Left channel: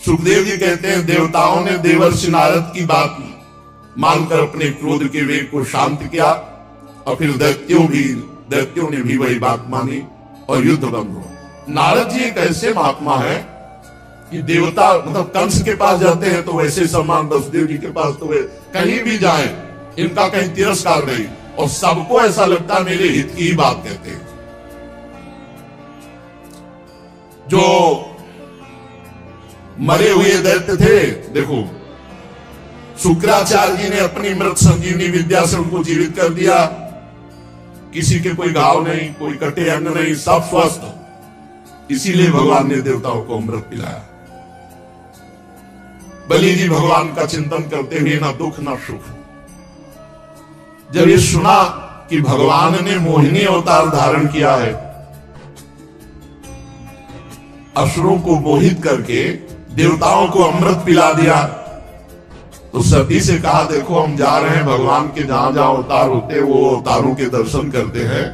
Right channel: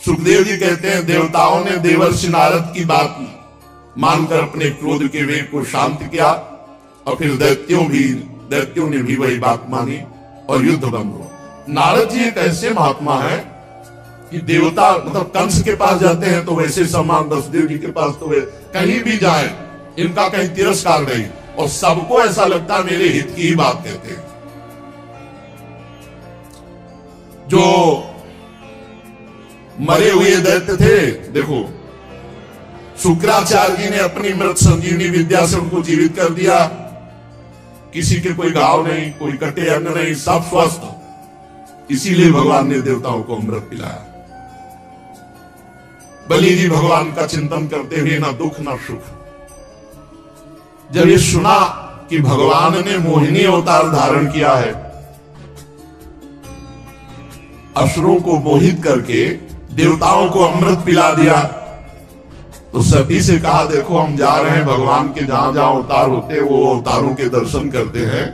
सुखदेव जी कहते हैं देवताओं ने देवर्षि नारद की बात मानकर अपने क्रोध के वेग को शांत किया और फिर दैत्यों ने भी वही बात मानी और युद्ध बंद हुआ। नारद जी एक ऐसे महात्मा है कि देवता मतलब कंस के पास जाते हैं तो वैसे सम्मान, वसुदेव जी के पास तो वे कहीं भी जाए इनका कहीं तिरस्कार नहीं, और सबको ऐसा लगता मेरे हित की ही बात कहते हैं। जो मरे हुए दैत्य थे, देखो शुक्राचार्य जी ने अपनी मृत संजीवनी विद्या से उनको जीवित कर दिया। किसी के कोई घाव नहीं, कोई कटे अंग नहीं, सब स्वस्थ। इसीलिए भगवान ने देवताओं को अमृत पिलाया। बलि जी भगवान का चिंतन करते हुए ना दुख ना सुख। जब ये सुना कि भगवान ने मोहिनी अवतार धारण किया है, असुरों को मोहित करके देवताओं को अमृत पिला दिया, तो सती से कहा देखो हम जा रहे हैं भगवान के जहां जहां अवतार होते हैं वो अवतारों के दर्शन करते हैं,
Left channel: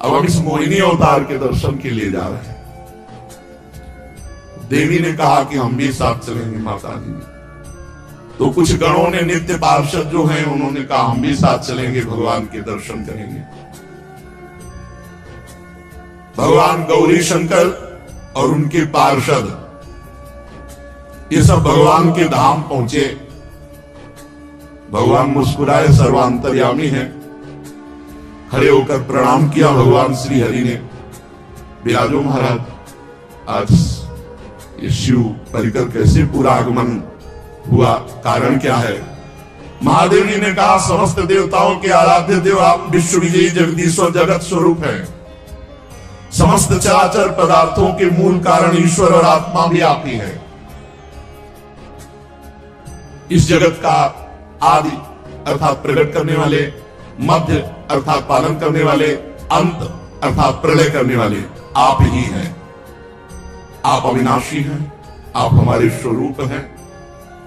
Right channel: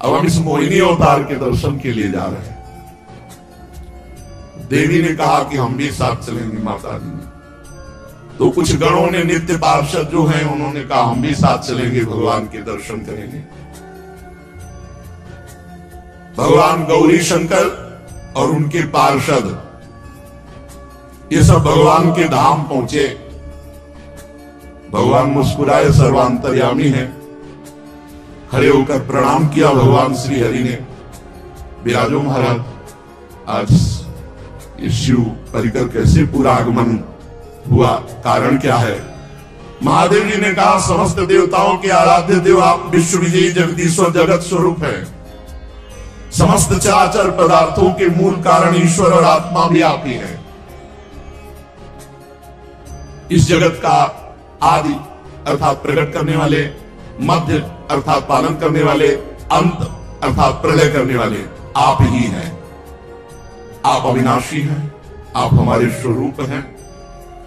अब हम इस मोहिनी अवतार के दर्शन के लिए जा रहे हैं। देवी ने कहा कि हम भी साथ चलेंगे माता जी ने। तो कुछ गणों ने, नित्य पार्षद जो हैं, उन्होंने कहा हम भी साथ चलेंगे, भगवान के दर्शन करेंगे। भगवान गौरी शंकर और उनके पार्षद ये सब भगवान के धाम पहुंचे। भगवान मुस्कुराए, सर्वांतर्यामी है, खड़े होकर प्रणाम किया भगवान श्री हरि ने। विराजो महाराज, आज ये शिव परिकर कैसे पूरा आगमन हुआ, कारण क्या है? महादेव जी ने कहा समस्त देवताओं के आराध्य देव आप विश्व विजयी जगदीश्वर जगत स्वरूप है। समस्त चराचर पदार्थों के मूल कारण ईश्वर और आत्मा भी आप ही है। इस जगत का आदि अर्थात प्रकट करने वाले, मध्य अर्थात पालन करने वाले, अंत अर्थात प्रलय करने वाले आप ही हैं। आप अविनाशी हैं, आप हमारे स्वरूप हैं,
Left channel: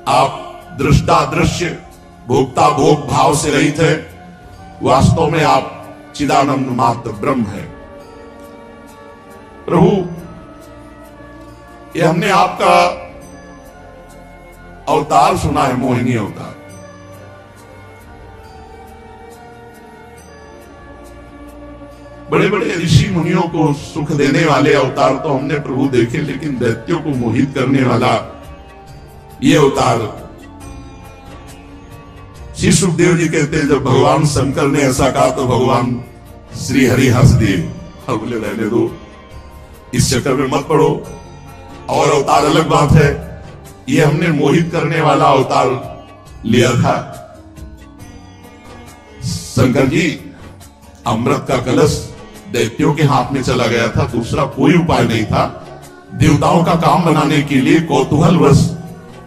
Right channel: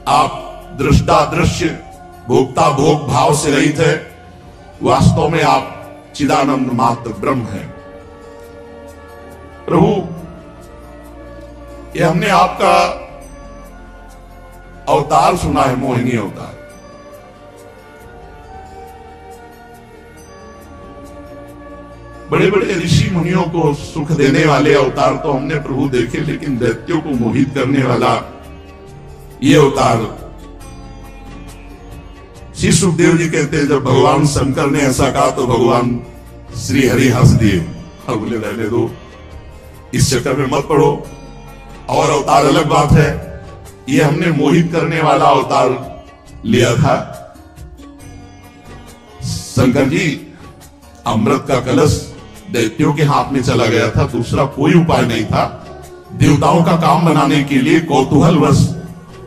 आप दृष्टा दृश्य भोक्ता भोग भाव से रहित है। वास्तव में आप चिदानंद मात्र ब्रह्म है। प्रभु, ये हमने आपका अवतार सुना है, मोहिनी अवतार। बड़े बड़े ऋषि मुनियों को सुख देने वाले अवतार तो हमने प्रभु देखे, लेकिन दैत्यों को मोहित करने वाला ये अवतार। श्री सुखदेव जी कहते हैं जब भगवान शंकर ने ऐसा कहा तो भगवान श्री हरि हंस दिए और बोले रहने दो, इस चक्कर में मत पड़ो, और अवतार अलग बात है। ये हमने मोहित करने वाला अवतार लिया था। शंकर जी, अमृत का कलश दैत्यों के हाथ में चला गया था, दूसरा कोई उपाय नहीं था। देवताओं का काम बनाने के लिए कौतूहलवश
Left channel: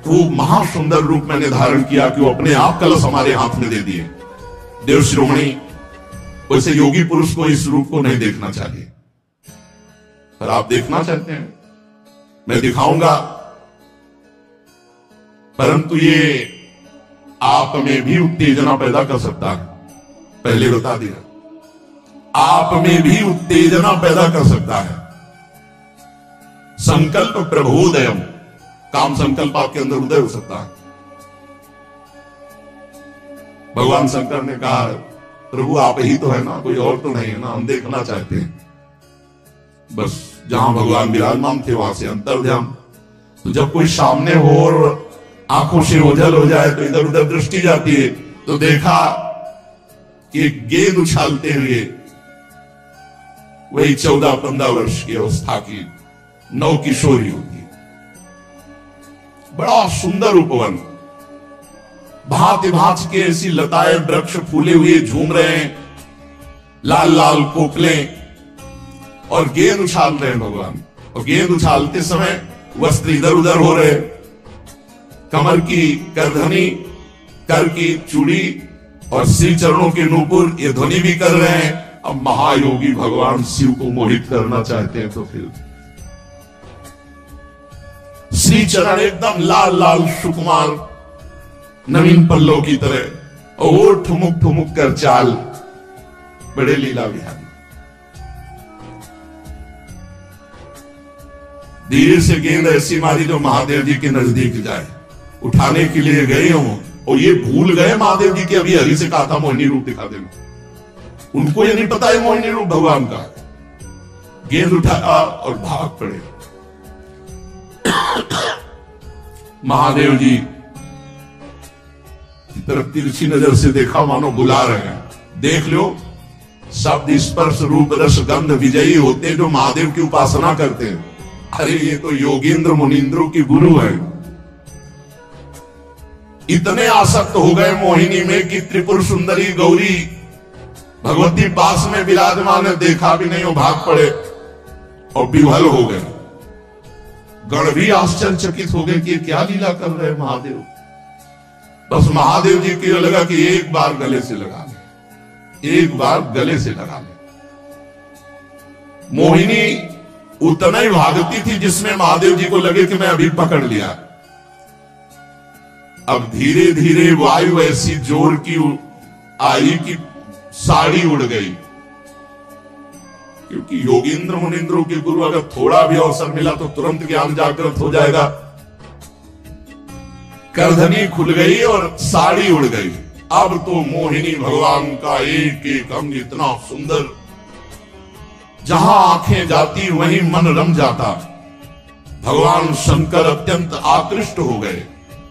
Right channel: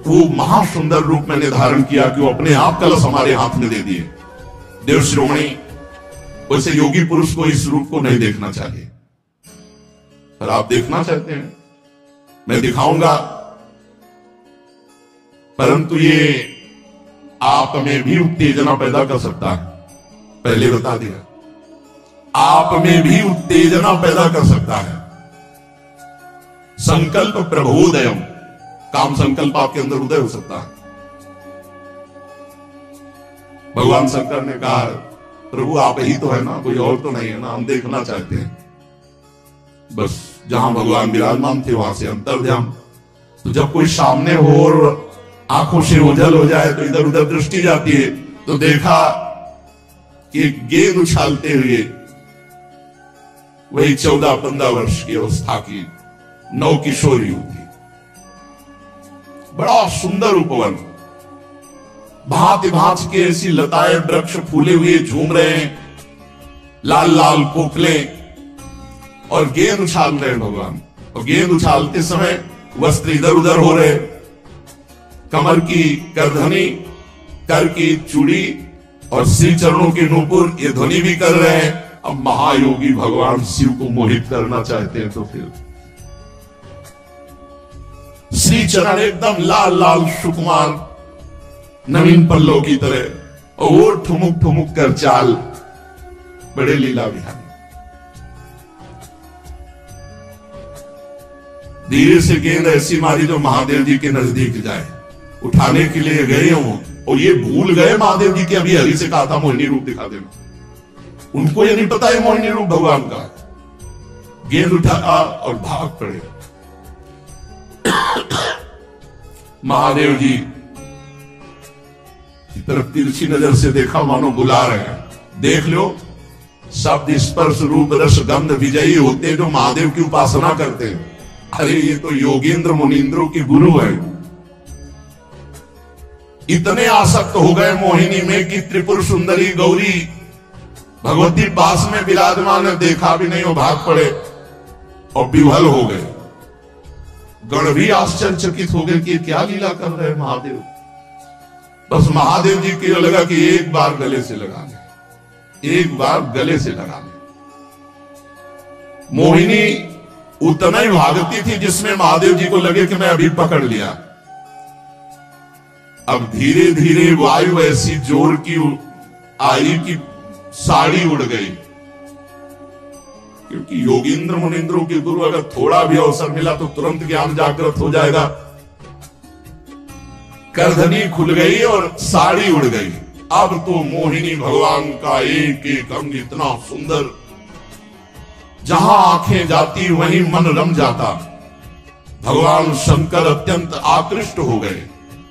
वो महासुंदर रूप मैंने धारण किया कि वो अपने आप कलश हमारे हाथ में दे दिए। देव श्रोमणी, वैसे योगी पुरुष को इस रूप को नहीं देखना चाहिए, पर आप देखना चाहते हैं, मैं दिखाऊंगा। परंतु ये आप में भी उत्तेजना पैदा कर सकता है, पहले बता दिया, आप में भी उत्तेजना पैदा कर सकता है। संकल्प प्रबोधयम, काम संकल्प आपके अंदर उदय हो सकता है। भगवान शंकर ने कहा प्रभु आप ही तो है ना, कोई और तो नहीं है ना, हम देखना चाहते हैं। बस जहां भगवान विराजमान थे वहां से अंतर्ध्यान। तो जब कोई सामने हो और आंखों से ओझल हो जाए तो इधर उधर दृष्टि जाती है, तो देखा कि गेंद उछालते हुए वही 14-15 वर्ष की अवस्था की नव किशोरी होगी। बड़ा सुंदर उपवन, भांति भांति के ऐसी लताएं वृक्ष फूले हुए झूम रहे हैं, लाल लाल कोपलें, और गेंद उछाल रहे हैं भगवान। और गेंद उछालते समय वस्त्र इधर उधर हो रहे, कमर की करधनी, कर की चूड़ी और श्री चरणों के नूपुर ये ध्वनि भी कर रहे हैं। अब महायोगी भगवान शिव को मोहित करना चाहते हैं तो फिर श्री चरण एकदम लाल लाल सुकुमार नवीन पल्लव की तरह, और ठुमुक ठुमुक कर चाल, बड़े लीला विहारी। धीरे से गेंद ऐसी मारी जो महादेव जी के नजदीक जाए। उठाने के लिए गए हो और ये भूल गए महादेव जी की अभी हरि से कहा था मोहिनी रूप दिखा देना। उनको ये नहीं पता है मोहिनी रूप भगवान का। गेंद उठाया और भाग पड़े। महादेव जी की तरफ तिरछी नजर से देखा, मानो बुला रहे हैं। देख लो, शब्द स्पर्श रूप रस गंध विजयी होते जो महादेव की उपासना करते हैं। अरे ये तो योगेंद्र मुनींद्रों के गुरु है। इतने आसक्त हो गए मोहिनी में कि त्रिपुर सुंदरी गौरी भगवती पास में विराजमान है, देखा भी नहीं, वो भाग पड़े और विह्वल हो गए। गण भी आश्चर्यचकित हो गए कि क्या लीला कर रहे महादेव। बस महादेव जी को लगा कि एक बार गले से लगा ले, एक बार गले से लगा ले। मोहिनी उतना ही भागती थी जिसमें महादेव जी को लगे कि मैं अभी पकड़ लिया। अब धीरे धीरे वायु ऐसी जोर की आई कि साड़ी उड़ गई। क्योंकि योगींद्र मुनिंद्रों के गुरु अगर थोड़ा भी अवसर मिला तो तुरंत ज्ञान जागृत हो जाएगा। करधनी खुल गई और साड़ी उड़ गई। अब तो मोहिनी भगवान का एक एक अंग इतना सुंदर, जहां आंखें जाती वहीं मन रम जाता। भगवान शंकर अत्यंत आकृष्ट हो गए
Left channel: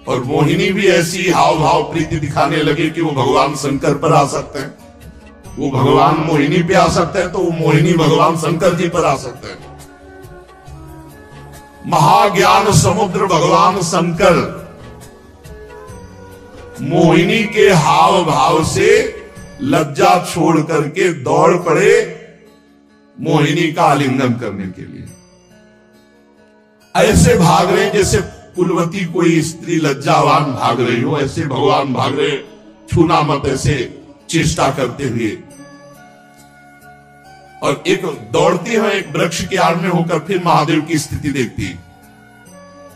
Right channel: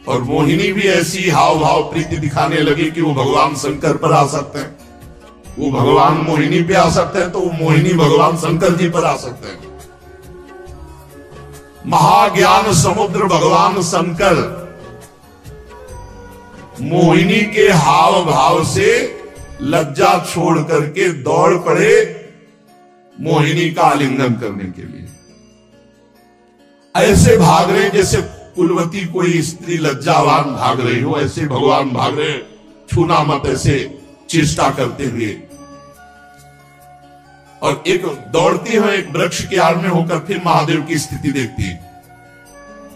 और मोहिनी भी ऐसी हाव भाव प्रीति दिखाने लगी कि वो भगवान शंकर पर आ सकते हैं, वो भगवान मोहिनी पे आ सकते हैं, तो वो मोहिनी भगवान शंकर जी पर आ सकते हैं। महाज्ञान समुद्र भगवान शंकर मोहिनी के हाव भाव से लज्जा छोड़ करके दौड़ पड़े मोहिनी का आलिंगन करने के लिए। ऐसे भाग रहे जैसे कुलवती कोई स्त्री लज्जावान भाग रही हो, ऐसे भगवान भाग रहे, छूना मत, ऐसे चेष्टा करते हुए। और एक दौड़ती है, एक वृक्ष की आड़ में होकर फिर महादेव की स्थिति देखती है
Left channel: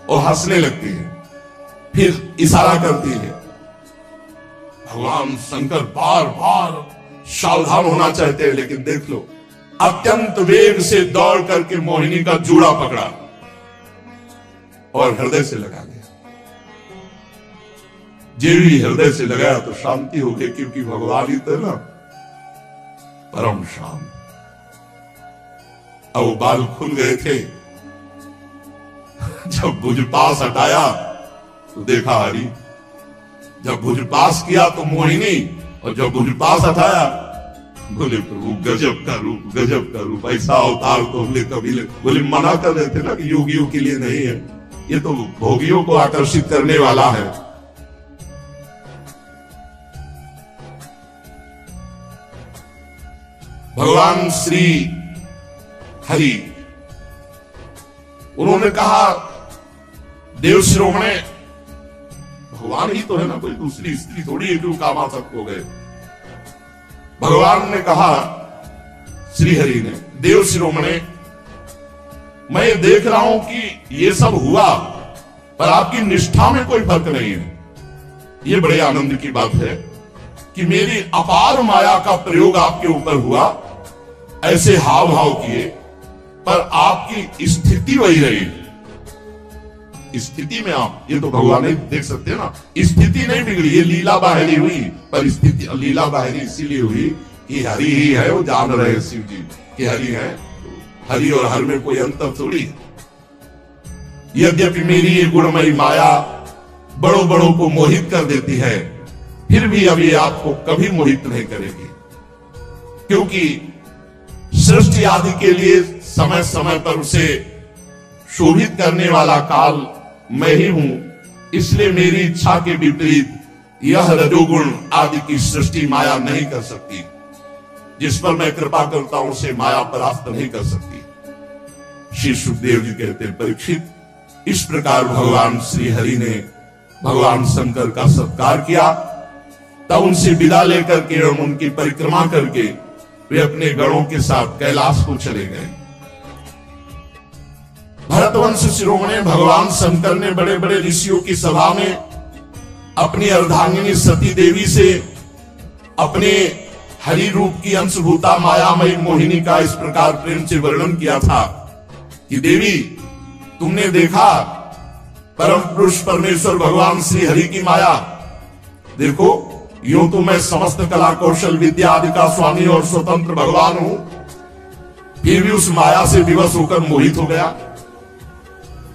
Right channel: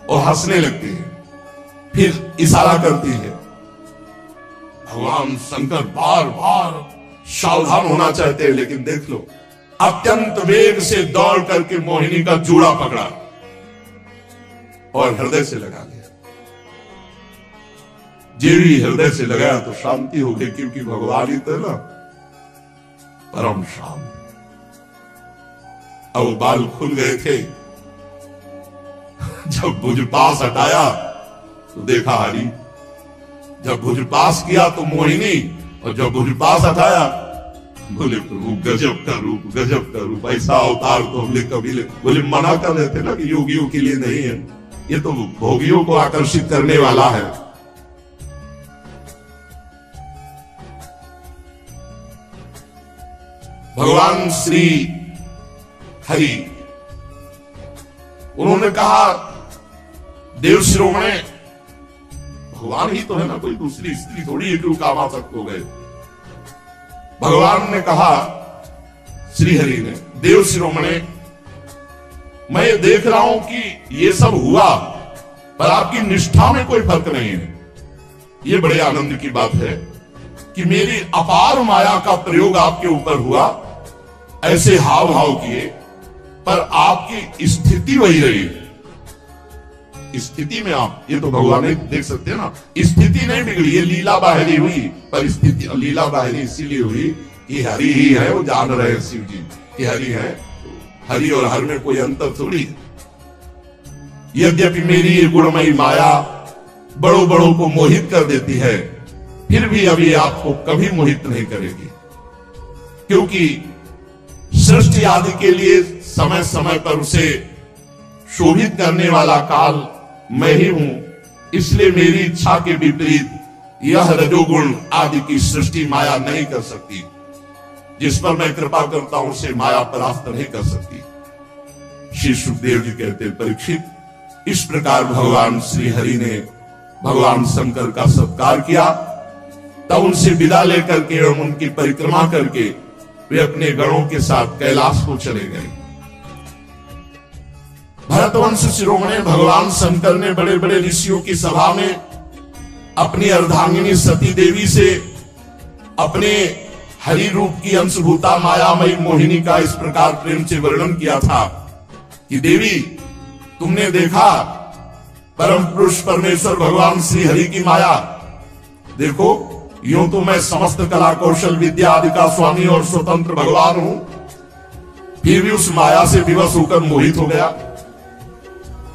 और हंसने लगती है, फिर इशारा करती है। भगवान शंकर बार बार सावधान होना चाहते हैं, लेकिन देख लो, अत्यंत वेग से दौड़ करके मोहिनी का जूड़ा पकड़ा और हृदय से लगा लिया। जो भी हृदय से लगाया तो शांति हो गई, क्योंकि भगवान ही तो ना परम शांत। अब वो बाल खुल गए थे। जब भुज पास हटाया तो देखा हरि, जब भुज पास किया तो मोहिनी, और जब भुज पास हटाया बोले प्रभु गजब का रूप, गजब का रूप, ऐसा अवतार तो हमने कभी बोले मना कर रहे थे ना कि योगियों के लिए नहीं है, ये तो भोगियों को आकर्षित करने वाला है। भगवान श्री हरि उन्होंने कहा, देव शिरोमणे, भगवान ही तो है ना, कोई दूसरी स्त्री थोड़ी है, क्यों कामासक्त हो गए। भगवान ने कहा, श्री हरि ने, देव शिरोमणे, मैं देख रहा हूं कि ये सब हुआ पर आपकी निष्ठा में कोई फर्क नहीं है। ये बड़े आनंद की बात है कि मेरी अपार माया का प्रयोग आपके ऊपर हुआ, ऐसे हाव भाव किए, पर आपकी स्थिति वही रही। स्थिति में आप, ये तो भगवान ही देख सकते हैं ना, स्थिति नहीं बिगड़ी, ये लीला बाहरी हुई, पर स्थिति लीला बाहरी इसीलिए हुई कि हरि ही है, वो जान रहे शिव जी कि हरि है, हरि और हर में कोई अंतर थोड़ी है। यद्यपि मेरी ये गुणमयी माया बड़ों बड़ों को मोहित कर देती है, फिर भी अब ये आपको कभी मोहित नहीं करेगी, क्योंकि सृष्टि आदि के लिए समय समय पर उसे शोभित करने वाला काल मैं ही हूं। इसलिए मेरी इच्छा के विपरीत यह रजोगुण आदि की सृष्टि माया नहीं कर सकती। जिस पर मैं कृपा करता हूं उसे माया परास्त नहीं कर सकती। श्री सुखदेव जी कहते हैं, परीक्षित, इस प्रकार भगवान श्री हरि ने भगवान शंकर का सत्कार किया। तब उनसे विदा लेकर के एवं उनकी परिक्रमा करके वे अपने गणों के साथ कैलाश को चले गए। भरतवंश शिरोमणि भगवान शंकर ने बड़े बड़े ऋषियों की सभा में अपनी अर्धांगिनी सती देवी से अपने हरि रूप की अंशभूता मायामयी मोहिनी का इस प्रकार प्रेम से वर्णन किया था कि देवी, तुमने देखा परम पुरुष परमेश्वर भगवान श्री हरि की माया। देखो, यूं तो मैं समस्त कला कौशल विद्या आदि का स्वामी और स्वतंत्र भगवान हूं, फिर भी उस माया से विवश होकर मोहित हो गया।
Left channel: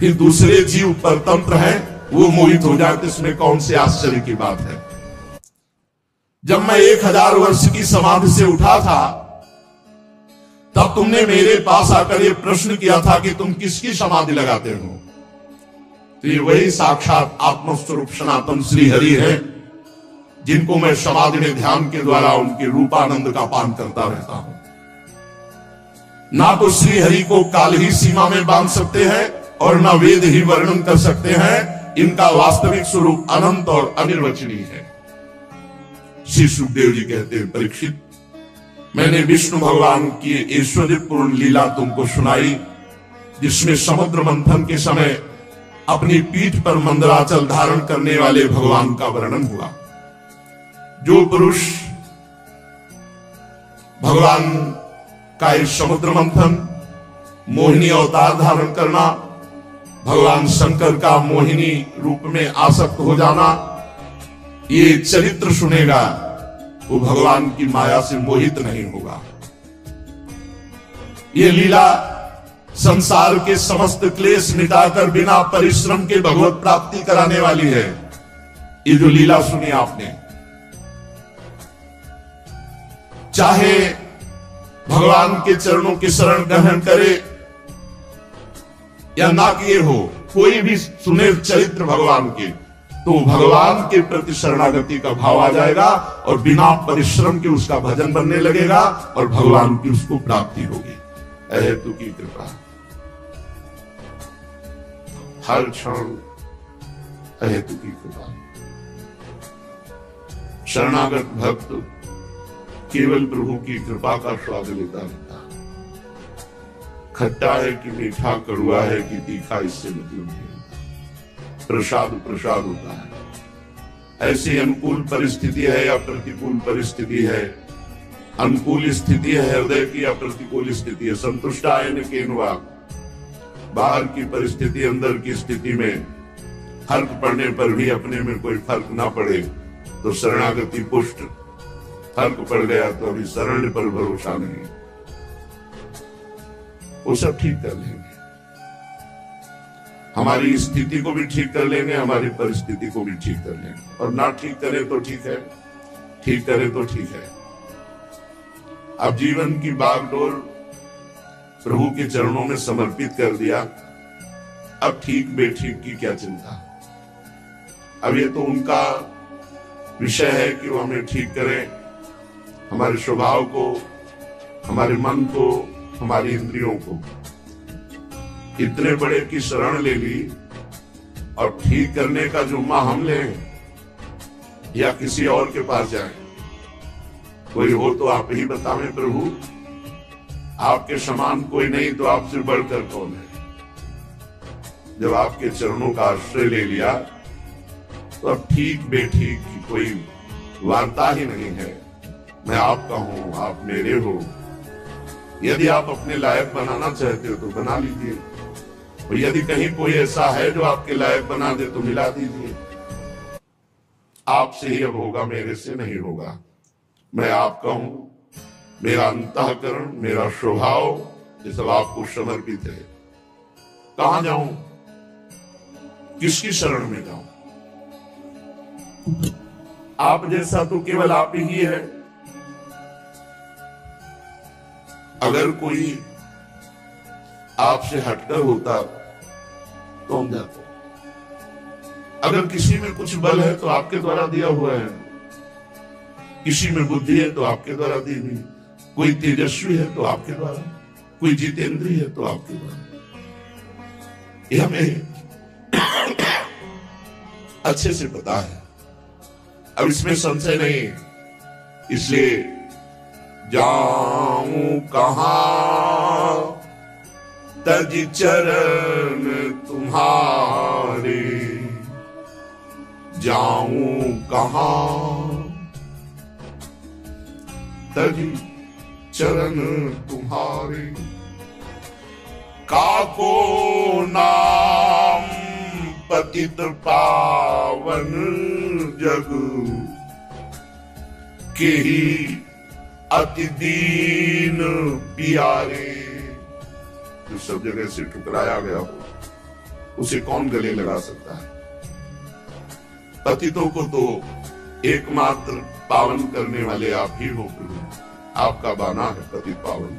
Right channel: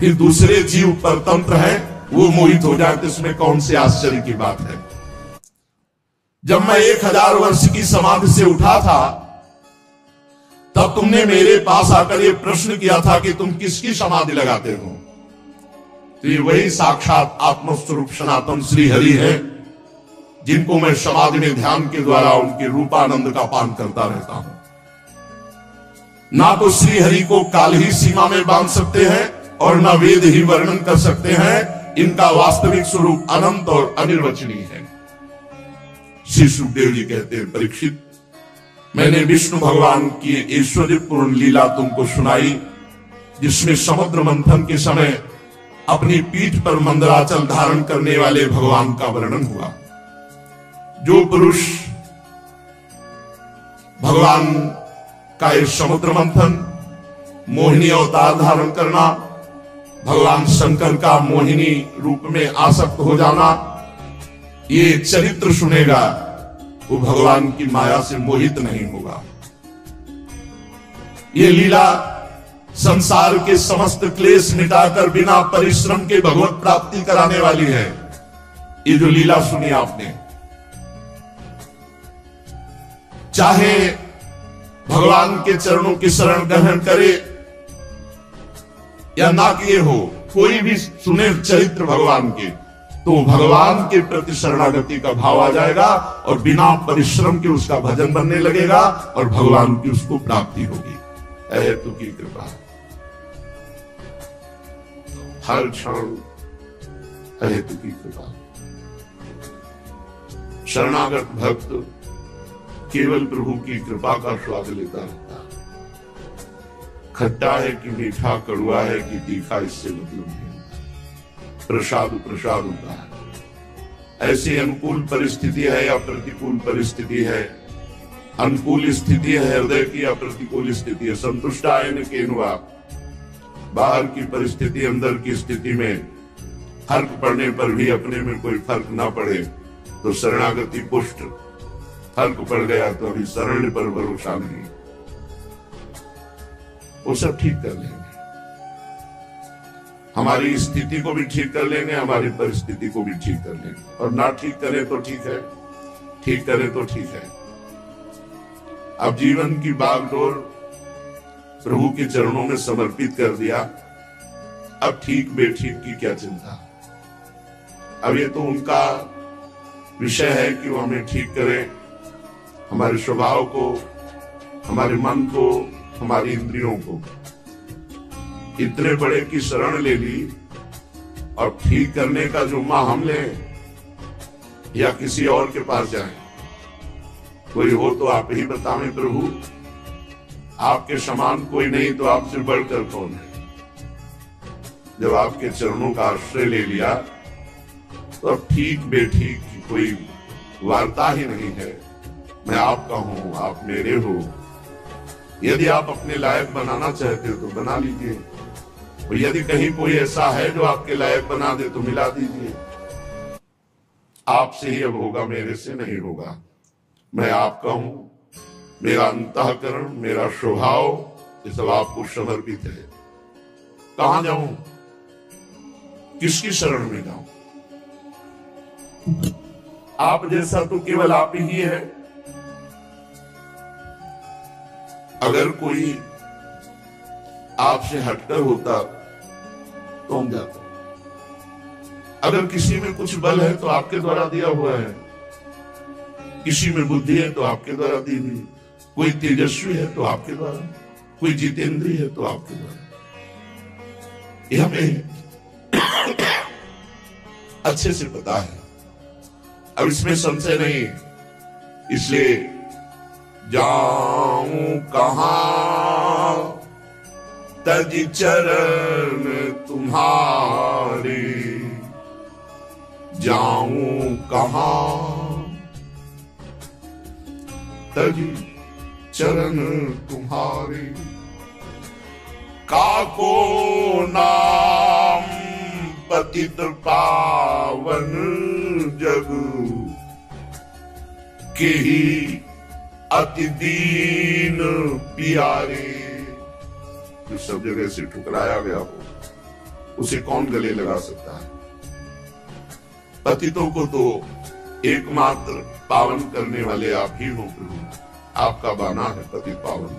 फिर दूसरे जीव परतंत्र हैं, वो मोहित हो जाए तो इसमें कौन से आश्चर्य की बात है। जब मैं 1000 वर्ष की समाधि से उठा था, तब तुमने मेरे पास आकर यह प्रश्न किया था कि तुम किसकी समाधि लगाते हो। तो ये वही साक्षात आत्मस्वरूप सनातन श्री हरि है, जिनको मैं समाधि में ध्यान के द्वारा उनके रूपानंद का पान करता रहता हूं। ना तो श्री हरि को काल ही सीमा में बांध सकते हैं और ना वेद ही वर्णन कर सकते हैं। इनका वास्तविक स्वरूप अनंत और अनिर्वचनीय है। श्री सुखदेव जी कहते हैं, परीक्षित, मैंने विष्णु भगवान की ऐश्वर्यपूर्ण लीला तुमको सुनाई, जिसमें समुद्र मंथन के समय अपनी पीठ पर मंदराचल धारण करने वाले भगवान का वर्णन हुआ। जो पुरुष भगवान का इस समुद्र मंथन, मोहिनी अवतार धारण करना, भगवान शंकर का मोहिनी रूप में आसक्त हो जाना, ये चरित्र सुनेगा, वो भगवान की माया से मोहित नहीं होगा। ये लीला संसार के समस्त क्लेश मिटाकर बिना परिश्रम के भगवत प्राप्ति कराने वाली है। ये जो लीला सुनी आपने, चाहे भगवान के चरणों की शरण ग्रहण करे या ना किए हो, कोई भी सुने चरित्र भगवान के, तो भगवान के प्रति शरणागति का भाव आ जाएगा और बिना परिश्रम के उसका भजन बनने लगेगा और भगवान की उसको प्राप्ति होगी। अहेतु की कृपा, हर क्षण अहेतु की कृपा। शरणागत भक्त केवल प्रभु की कृपा का स्वाद लेता रहता। खट्टा है कि मीठा, कड़वा है कि तीखा, इससे मतलब नहीं होता। प्रसाद प्रसाद होता है। ऐसी अनुकूल परिस्थिति है या प्रतिकूल परिस्थिति है, अनुकूल स्थिति है हृदय की या प्रतिकूल स्थिति है, संतुष्टायन केनवा, बाहर की परिस्थिति अंदर की स्थिति में फर्क पड़ने पर भी अपने में कोई फर्क ना पड़े तो शरणागति पुष्ट, फर्क पड़ गया तो अभी शरण पर भरोसा नहीं, वो सब ठीक कर लेंगे। हमारी स्थिति को भी ठीक कर लेंगे, हमारी परिस्थिति को भी ठीक कर लेंगे। और ना ठीक करें तो ठीक है, ठीक करें तो ठीक है। अब जीवन की बागडोर प्रभु के चरणों में समर्पित कर दिया, अब ठीक बेठीक की क्या चिंता। अब ये तो उनका विषय है कि वो हमें ठीक करें, हमारे स्वभाव को, हमारे मन को, हमारी इंद्रियों को। इतने बड़े की शरण ले ली और ठीक करने का जुम्मा हम लें या किसी और के पास जाएं? कोई हो तो आप ही बतावें प्रभु, आपके समान कोई नहीं तो आपसे बढ़कर कौन है। जब आपके चरणों का आश्रय ले लिया तो अब ठीक बेठीक की कोई वार्ता ही नहीं है। मैं आपका हूं, आप मेरे हो। यदि आप अपने लायक बनाना चाहते हो तो बना लीजिए, और यदि कहीं कोई ऐसा है जो आपके लायक बना दे तो मिला दीजिए। आपसे ही अब होगा, मेरे से नहीं होगा। मैं आपका हूं, मेरा अंतःकरण, मेरा स्वभाव ये सब आपको समर्पित है। कहां जाऊं, किसकी शरण में जाऊं? आप जैसा तो केवल आप ही है। अगर कोई आपसे हटकर होता तो हम जाते। अगर किसी में कुछ बल है तो आपके द्वारा दिया हुआ है, किसी में बुद्धि है तो आपके द्वारा दी हुई, कोई तेजस्वी है तो आपके द्वारा, कोई जितेंद्रिय है तो आपके द्वारा। यह हमें अच्छे से पता है, अब इसमें संशय नहीं। इसलिए जाऊं कहां तज चरण तुम्हारे, जाऊं कहां तज चरण तुम्हारे, काको ना पतित पावन जग के ही अति दीन प्यारे। जो सब जगह से ठुकराया गया हो उसे कौन गले लगा सकता है? पतितों को तो एकमात्र पावन करने वाले आप ही हो प्रभु। आपका बाना है पतित पावन।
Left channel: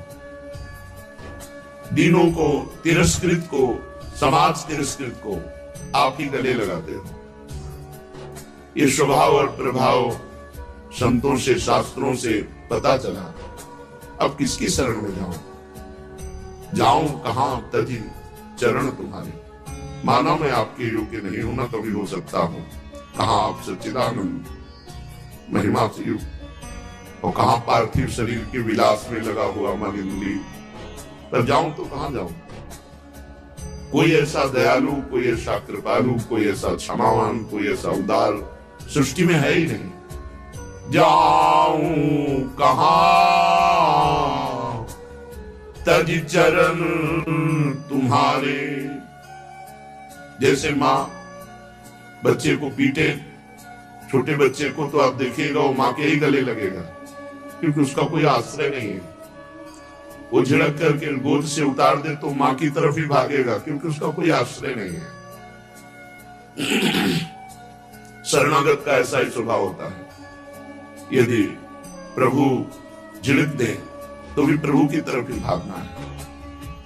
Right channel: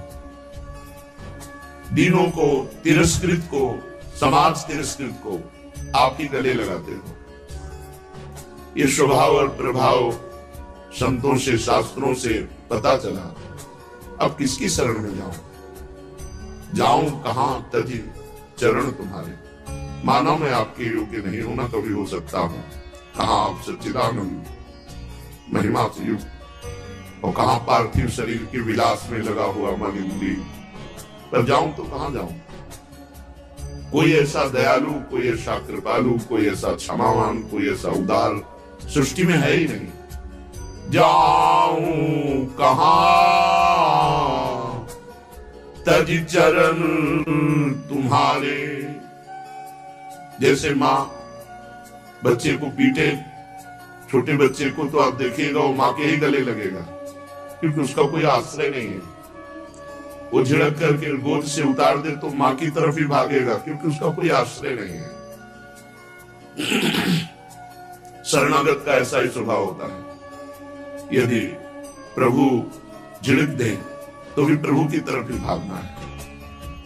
दीनों को, तिरस्कृत को, समाज तिरस्कृत को आप ही गले लगाते हो। ये स्वभाव और प्रभाव संतों से, शास्त्रों से पता चला। अब किसकी शरण में जाऊं कहां तजी चरण तुम्हारे। माना मैं आपके योग्य नहीं हूं, ना कभी हो सकता हूं। कहां आप सच्चिदानंद महिमा से युक्त और कहां पार्थिव शरीर के विलास में लगा हुआ मलिंदी। पर जाऊं तो कहां जाऊं? कोई ऐसा दयालु, कोई ऐसा कृपालु, कोई ऐसा क्षमावान, कोई ऐसा उदार सृष्टि में है ही नहीं। जाऊं कहां तज चरण तुम्हारे। जैसे मां बच्चे को पीटे, छोटे बच्चे को, तो आप देखिएगा वो मां के ही गले लगेगा, क्योंकि उसका कोई आश्रय नहीं है। वो झिड़क करके गोद से उतार दे तो मां की तरफ ही भागेगा, क्योंकि उसका कोई आश्रय नहीं है। शरणागत का ऐसा ही स्वभाव होता है। यदि प्रभु झिड़क दे तो भी प्रभु की तरफ ही भागना है।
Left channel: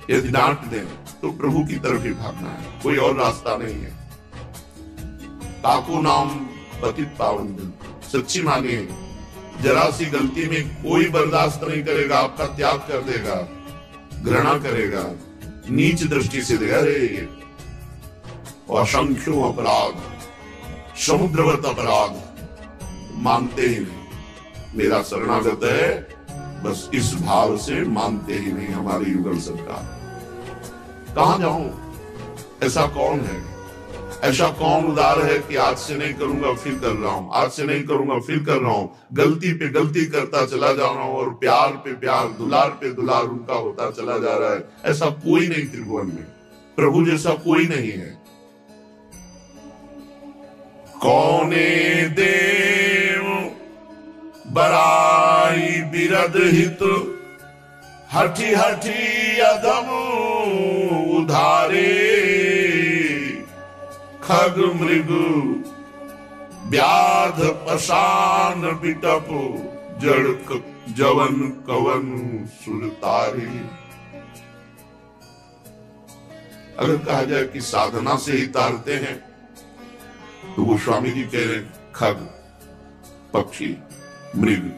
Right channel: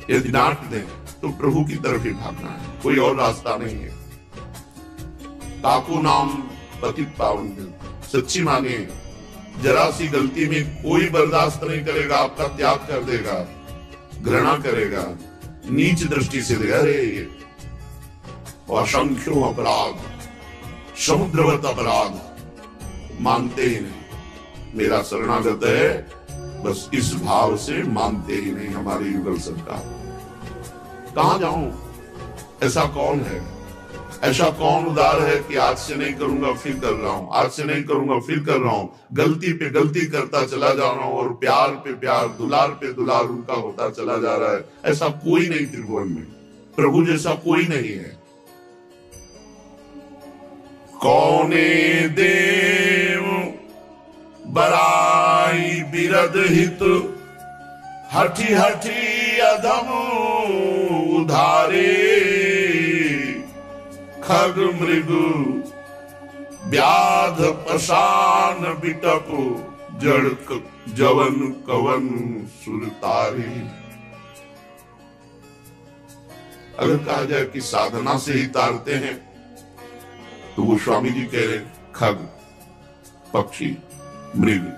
यदि डांट दे तो प्रभु की तरफ ही भागना है, कोई और रास्ता नहीं है। काकू नाम पतित पावन जन। सच्ची मानिए, जरा सी गलती में कोई बर्दाश्त नहीं करेगा, आपका त्याग कर देगा, घृणा करेगा, नीच दृष्टि से देगा। अरे असंख्यों अपराध, समुद्रवत अपराध, मानते ही नहीं। मेरा शरणागत है, बस इस भाव से मानते ही नहीं हमारे युगल सरकार। कहां जाऊं? ऐसा कौन है? ऐसा कौन उदार है कि आज से नहीं करूंगा फिर कर रहा हूं, आज से नहीं करूंगा फिर कर रहा हूं, गलती पे गलती करता चला जा रहा हूं और प्यार पे प्यार, दुलार पे दुलार उनका होता चला जा रहा है। ऐसा कोई नहीं त्रिभुवन में, प्रभु जैसा कोई नहीं है। कौने देव बराई बिरद हित, हठी हठी अधम उधारे। खग मृग व्याध पशान बिटप, जड़ जवन कवन सुरतारे। अगर कहा जाए कि साधना से ही तारते हैं, तो वो स्वामी जी कह रहे हैं खग, पक्षी, मृग,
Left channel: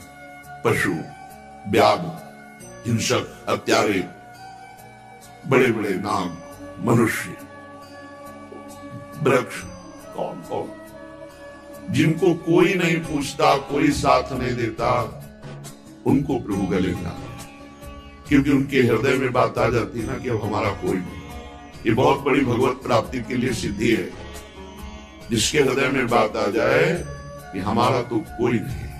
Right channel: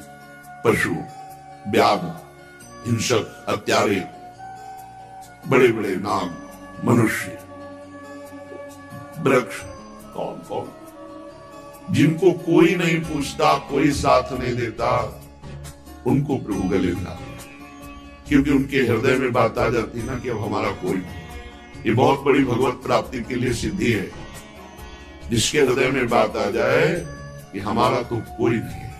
पशु, व्याध, हिंसक, हत्यारे, बड़े बड़े नाग, मनुष्य, वृक्ष, कौन कौन, जिनको कोई नहीं पूछता, कोई साथ नहीं देता, उनको प्रभु गले लगाते, क्योंकि उनके हृदय में बात आ जाती है ना कि अब हमारा कोई नहीं। ये बहुत बड़ी भगवत प्राप्ति के लिए सिद्धि है। जिसके हृदय में बात आ जाए कि हमारा तो कोई नहीं है।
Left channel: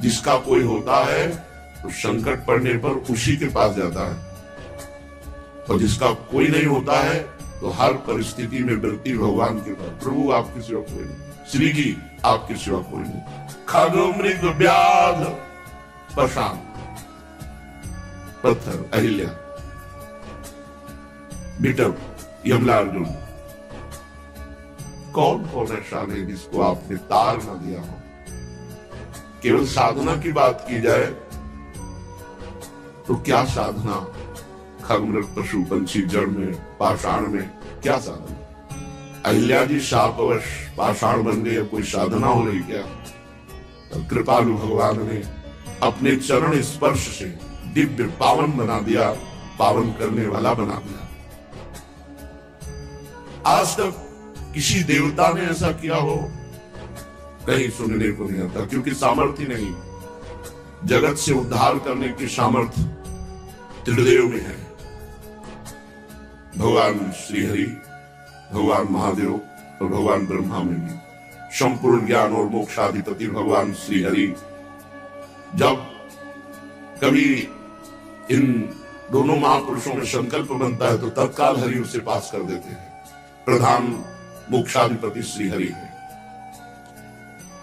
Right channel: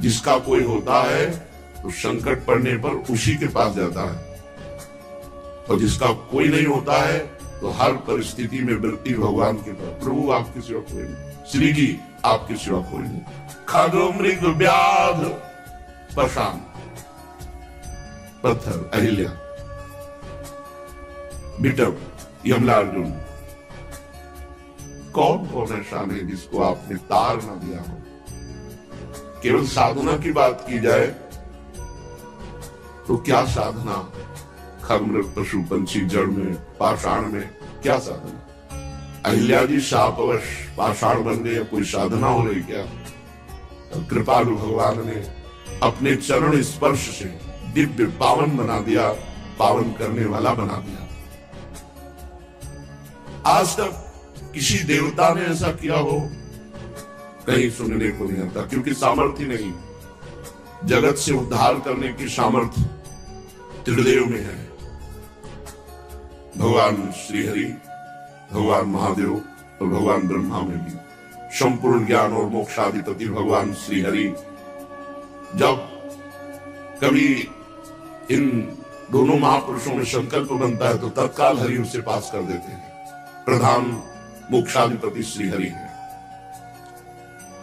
जिसका कोई होता है तो संकट पड़ने पर उसी के पास जाता है, और जिसका कोई नहीं होता है तो हर परिस्थिति में वृत्ति भगवान के पास। प्रभु आपके सिवा कोई नहीं, श्री जी आपके सिवा कोई नहीं। खग मृग व्याध पशान, पत्थर, अहिल्या, बिटप, यमला अर्जुन, कौन कौन ऐसा नहीं जिसको आपने तार न दिया हो। केवल साधना की बात की जाए तो क्या साधना? खगमृग, पशु पक्षी, जड़ में, पाषाण में क्या साधना? अहिल्या जी शापवश पाषाण बन गई, अब कोई साधना हो रही क्या? कृपालु भगवान ने अपने चरण स्पर्श से दिव्य पावन बना दिया, पावन करने वाला बना दिया। आज तक किसी देवता ने ऐसा किया हो कहीं सुनने को नहीं आता, क्योंकि सामर्थ्य नहीं। जगत से उद्धार करने की सामर्थ्य त्रिदेव में है। भगवान श्रीहरि, भगवान महादेव और भगवान ब्रह्मा में भी। संपूर्ण ज्ञान और मोक्षाधिपति भगवान श्रीहरि, जब कभी इन दोनों महापुरुषों में संकल्प बनता है तो तत्काल हरि उसे पास कर देते हैं। प्रधान मोक्षाधिपति श्री हरि है।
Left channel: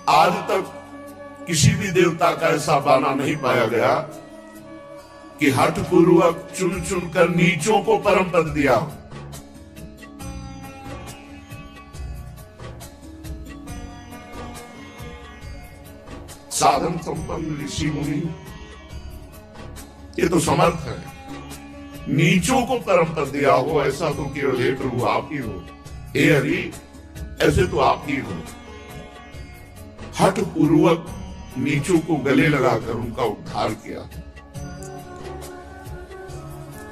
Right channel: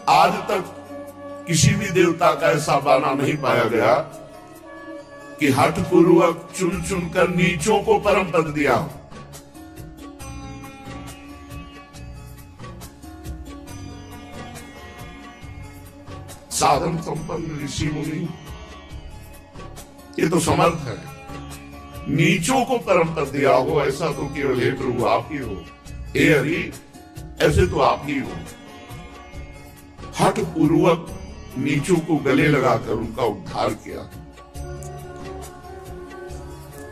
आज तक किसी भी देवता का ऐसा बाना नहीं पाया गया कि हठ पूर्वक चुन चुनकर नीचों को परम पद दिया। साधन संपन्न ऋषि मुनि ये तो समर्थ है, नीचों को परम पद दिया हो ऐसा तो केवल हे प्रभु आप ही हो, हे हरि ऐसे तो आप ही हो। हठ पूर्वक नीचों को गले लगाकर उनका उद्धार किया।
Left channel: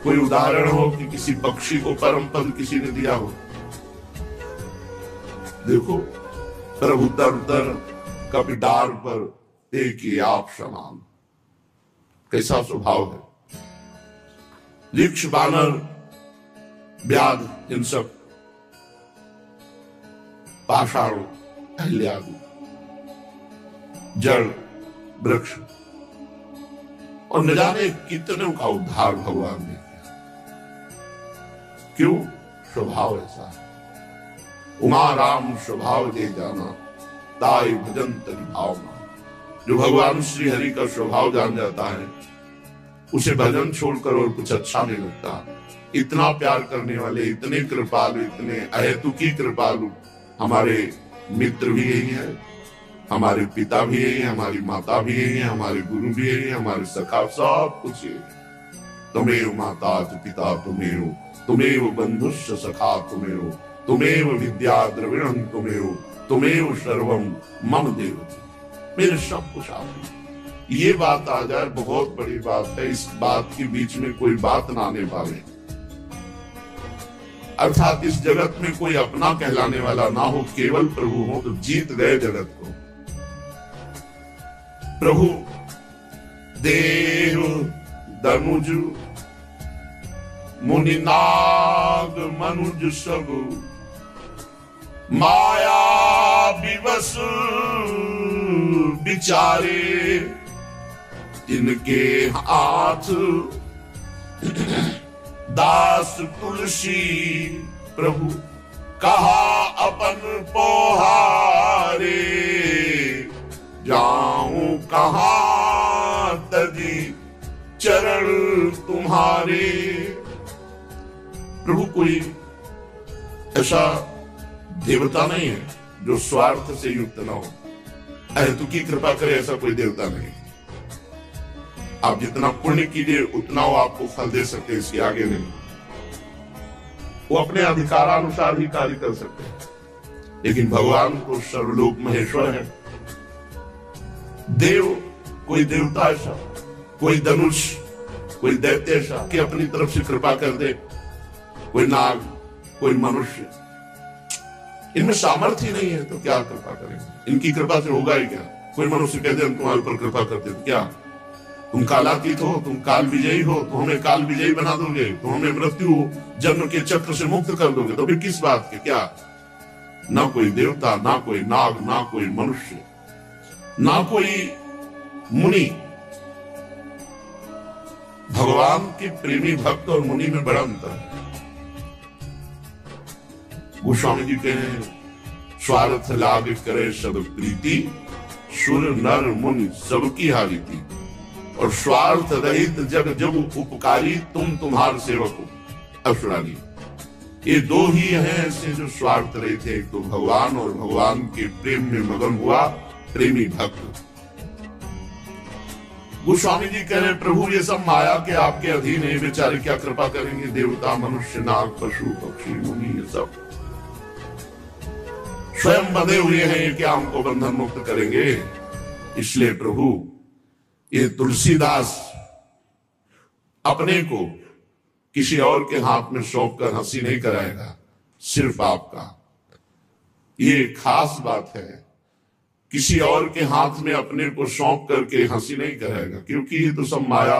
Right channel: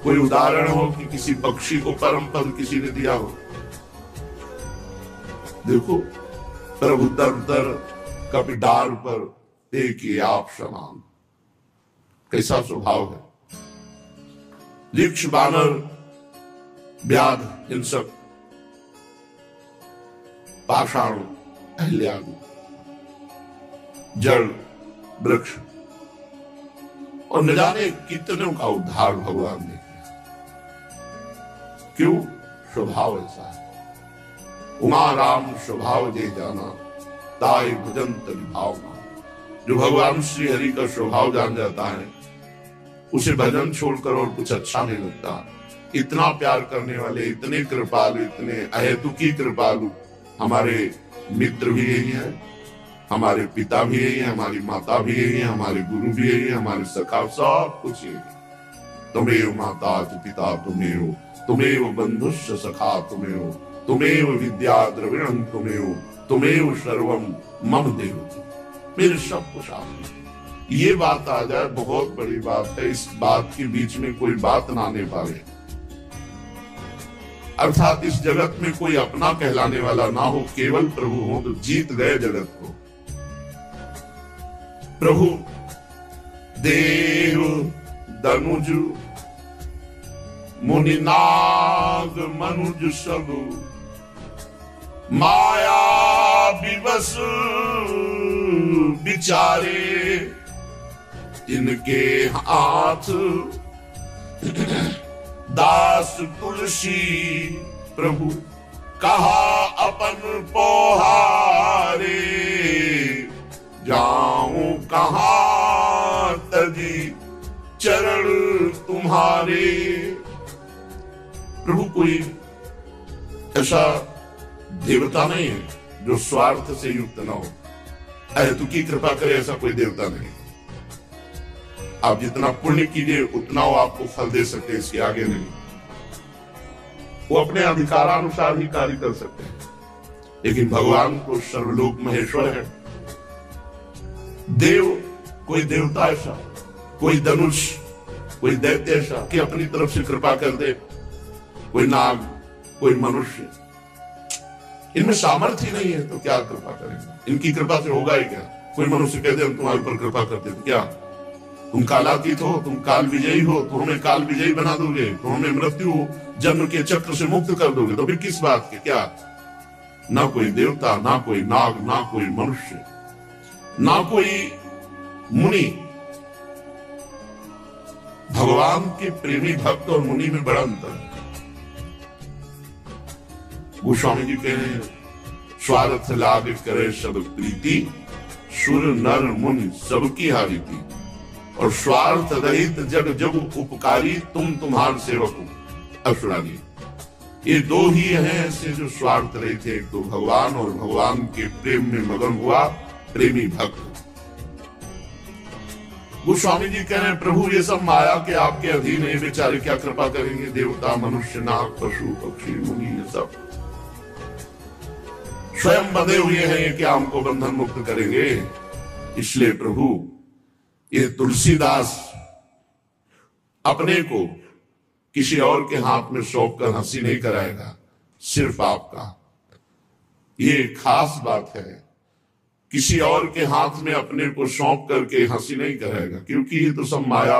कोई उदाहरण हो कि किसी पक्षी को परम पद किसी ने दिया हो? देखो, प्रभु तर तर कपिडार पर देखिए आप समान, कैसा स्वभाव है। वृक्ष बानर व्याध हिंसक पाषाण अहल्यादि जड़ वृक्ष और न जाने कितने का उद्धार भगवान ने किया। क्यों? स्वभाव ऐसा है। उमा राम स्वभाव जे जाना ताई भजन तरि भावना। जो भगवान श्री हरि का स्वभाव जान जाता है उसे भजन छोड़कर और कुछ अच्छा नहीं लगता। इतना प्यार करने वाले, इतने कृपालु, इतने अहेतुकी कृपालु हमारे मित्र भी यही हैं, हमारे पिता भी यही है, हमारी माता भी यही है, हमारे गुरु भी यही है, हमारे सखा, सब कुछ यही है। तुमेव माता च पिता तुमेव, तुमेव बंधुश्च सखा तुमेव, तुमेव विद्या द्रविणं तुमेव, तुमेव सर्वं मम देव। मेरे सब कुछ आप। ये बात आ जाए बहुत बड़ी बात है। इस बात के बीच में कोई बात ना आने पावे, अर्थात इस जगत में कोई अपना कहलाने वाला ना हो, केवल प्रभु हो तो जीत गए जगत को। प्रभु देव दनुज मुनि नाग मनुज सब माया विवश बिचारे, इनके हाथ दास तुलसी प्रभु कहा अपन पोहारे, जाऊं कहां तजी चरण तुम्हारे। प्रभु कोई ऐसा देवता नहीं है जो स्वार्थ से युक्त ना हो, अहेतुकी कृपा करे ऐसा कोई देवता नहीं। आप जितना पुण्य कीजिए उतना वो आपको फल दे सकते हैं, इसके आगे नहीं। वो अपने अधिकारानुसार ही कार्य कर सकते हैं, लेकिन भगवान को सर्वलोक महेश्वर है। देव कोई देवता ऐसा, कोई धनुष, कोई दैत्य ऐसा कि अपनी तरफ से कृपा कर दे, कोई नाग, कोई मनुष्य, इनमें सामर्थ्य ही नहीं है तो क्या कृपा करेंगे? इनकी कृपा से होगा ही क्या? कोई मनुष्य कह दे हम तुम्हारे ऊपर कृपा करते तो क्या तुम कालातीत हो, तुम काल विजयी हो, तो हमें काल विजयी बना दोगे, तो हमें मृत्यु जन्म के चक्र से मुक्त कर दोगे, तो फिर किस बात के? क्या ना कोई देवता, ना कोई नाग, ना कोई मनुष्य, ना कोई मुनि। भगवान के प्रेमी भक्त और मुनि में बड़ा अंतर है। गोस्वामी जी कह रहे हैं स्वार्थ लाभ करे सब प्रीति, सुर नर मुनि सबकी हारीति, और स्वार्थ रहित जग जग उपकारी, तुम तुम्हार सेवक हो असुरानी। ये दो ही हैं ऐसे जो स्वार्थ रहित थे, एक तो भगवान और भगवान के प्रेम में मगन हुआ प्रेमी भक्त। गोस्वामी जी कह रहे प्रभु ये सब माया के आपके अधीन है, बेचारे क्या कृपा करेंगे? देवता, मनुष्य, नाग, पशु, पक्षी, मुनि, ये सब स्वयं बंधे हुए हैं, क्या हमको बंधन मुक्त करेंगे? इसलिए प्रभु ये तुलसीदास अपने को किसी और के हाथ में सौंप कर हंसी नहीं कराएगा, सिर्फ आपका। ये खास बात है, किसी और के हाथ में अपने को सौंप करके हंसी नहीं कराएगा, क्योंकि ये तो सब माया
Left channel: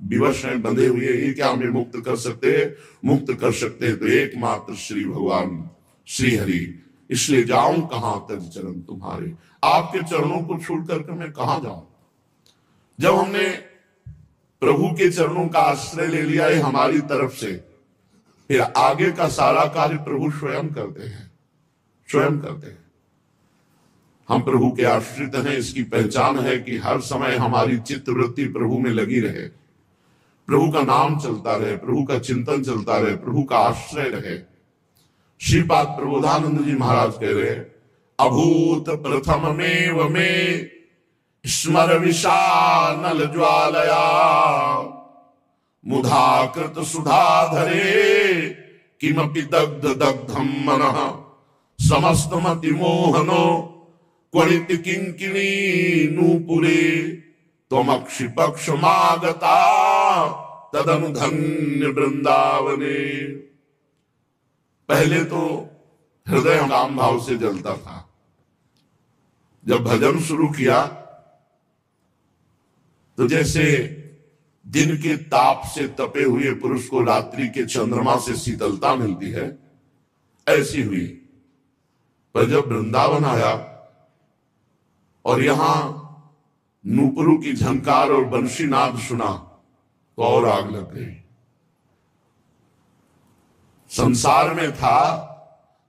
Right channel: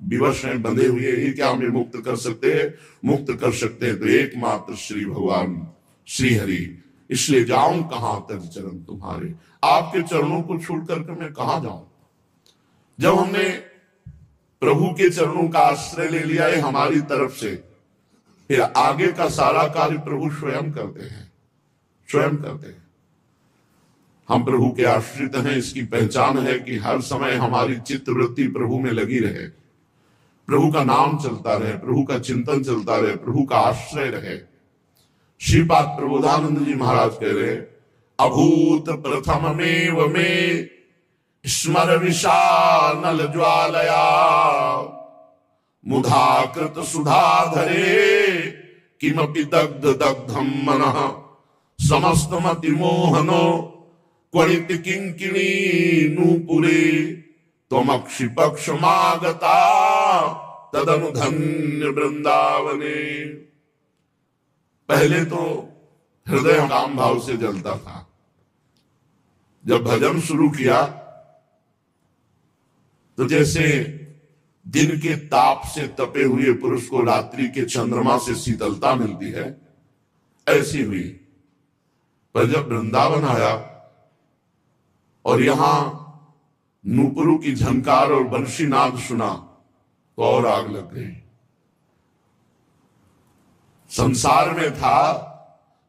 विवश हैं, बंधे हुए। ये क्या हमें मुक्त कर सकते हैं? मुक्त कर सकते हैं तो एकमात्र श्री भगवान श्री हरि। इसलिए जाऊं कहां तक चरण तुम्हारे, आपके चरणों को छोड़ करके मैं कहां जाऊं? जब हमने प्रभु के चरणों का आश्रय ले लिया है हमारी तरफ से, फिर आगे का सारा कार्य प्रभु स्वयं करते हैं। स्वयं करते हैं। हम प्रभु के आश्रित हैं, इसकी पहचान है कि हर समय हमारी चित्तवृत्ति प्रभु में लगी रहे, प्रभु का नाम चलता रहे, प्रभु का चिंतन चलता रहे, प्रभु का आश्रय रहे। श्रीपाद प्रबोधानंद जी महाराज कह रहे, अभूत प्रथम में स्मर विशानल ज्वालया मुधाकृत सुधाधरे किमपि दग्ध दग्धम मनः समस्त मति मोहनो क्वणित किंकिणी नूपुरे त्वमक्षि पक्ष मागता तदनु धन्य वृंदावने। पहले तो हृदय काम भाव से जलता था, जब भजन शुरू किया तो जैसे दिन के ताप से तपे हुए पुरुष को रात्रि के चंद्रमा से शीतलता मिलती है, ऐसी हुई। पर जब वृंदावन आया और यहां नूपुरों की झनकार और बंशीनाद सुना तो और आग लग गई। संसार में था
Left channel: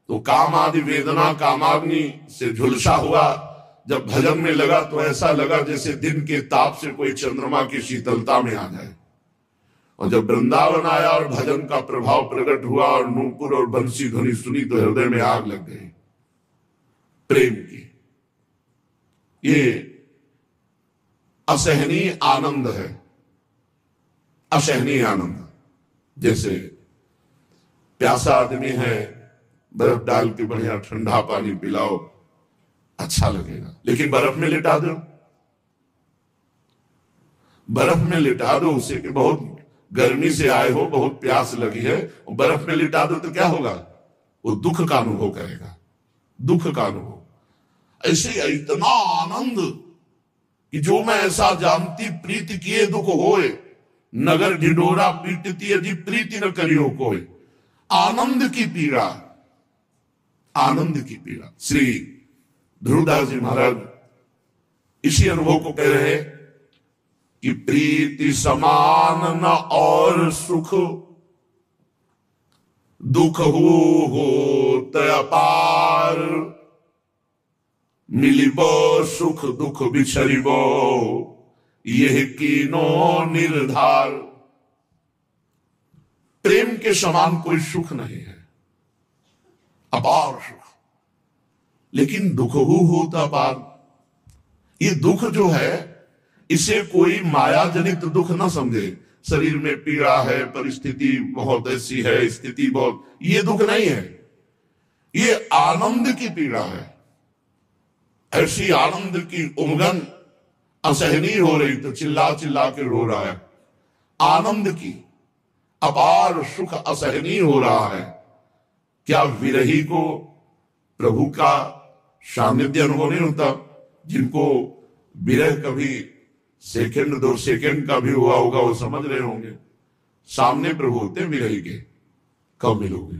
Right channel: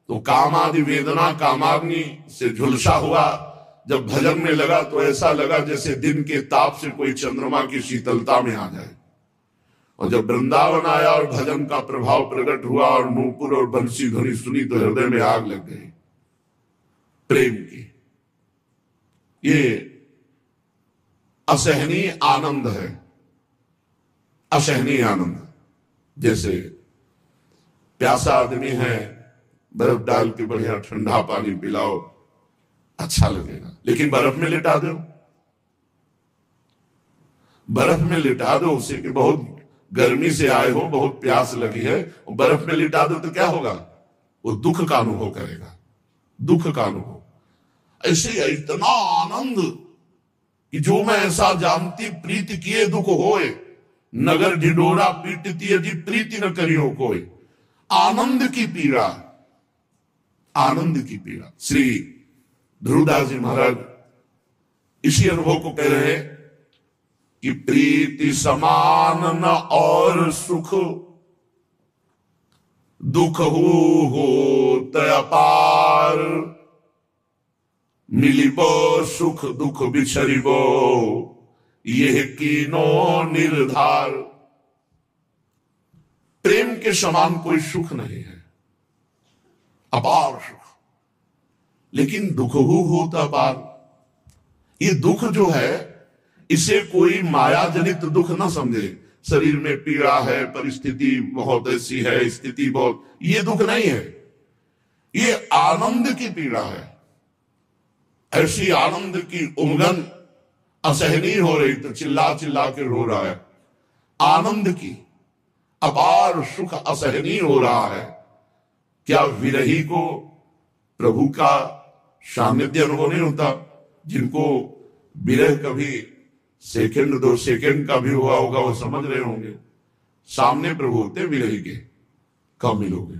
तो काम आदि वेदना कामाग्नि से झुलसा हुआ, जब भजन में लगा तो ऐसा लगा जैसे दिन के ताप से कोई चंद्रमा की शीतलता में आ जाए। और जब वृंदावन आया और भजन का प्रभाव प्रकट हुआ और नूपुर और बंसी ध्वनि सुनी तो हृदय में आग लग गई प्रेम की। ये असहनीय आनंद है, असहनीय आनंद। जैसे प्यासा आदमी है, बर्फ डाल के बढ़िया ठंडा पानी पिलाओ, अच्छा लगेगा, लेकिन बर्फ में लिटा दो, बर्फ में लिटा दो उसे कि बहुत गर्मी से आए हो, बहुत प्यास लगी है, और बर्फ में लिटा दो तो क्या होगा? वो दुख का अनुभव करेगा, दुख का अनुभव। ऐसे इतना आनंद कि जो मैं ऐसा जानती प्रीति किए दुख होए, नगर ढिंडोरा पीटती अजी प्रीति न करियो कोई। आनंद की पीड़ा, आनंद की पीड़ा। श्री ध्रुवदास जी महाराज इसी अनुभव को कह रहे हैं कि प्रीति समान न और सुख, दुख हो अपार, मिलिबो सुख दुख बिछरिबो, यह कीनो निर्धार। प्रेम के समान कोई सुख नहीं है, अपार सुख। लेकिन दुख हो अपार, ये दुख जो है इसे कोई माया जनित दुख ना समझे। शरीर में पीड़ा है, परिस्थिति बहुत ऐसी है, स्थिति बहुत, ये दुख नहीं है, ये आनंद की पीड़ा है। ऐसी आनंद की उमगन असहनीय हो रही तो चिल्ला चिल्ला के रो रहा है। आनंद की अपार सुख असहनीय हो रहा है। क्या विरही को प्रभु का सानिध्य अनुभव नहीं होता? जिनको विरह कभी सेकंड दो सेकंड का भी हुआ होगा वो समझ रहे होंगे। सामने प्रभु होते विरही के, कब मिलोगे?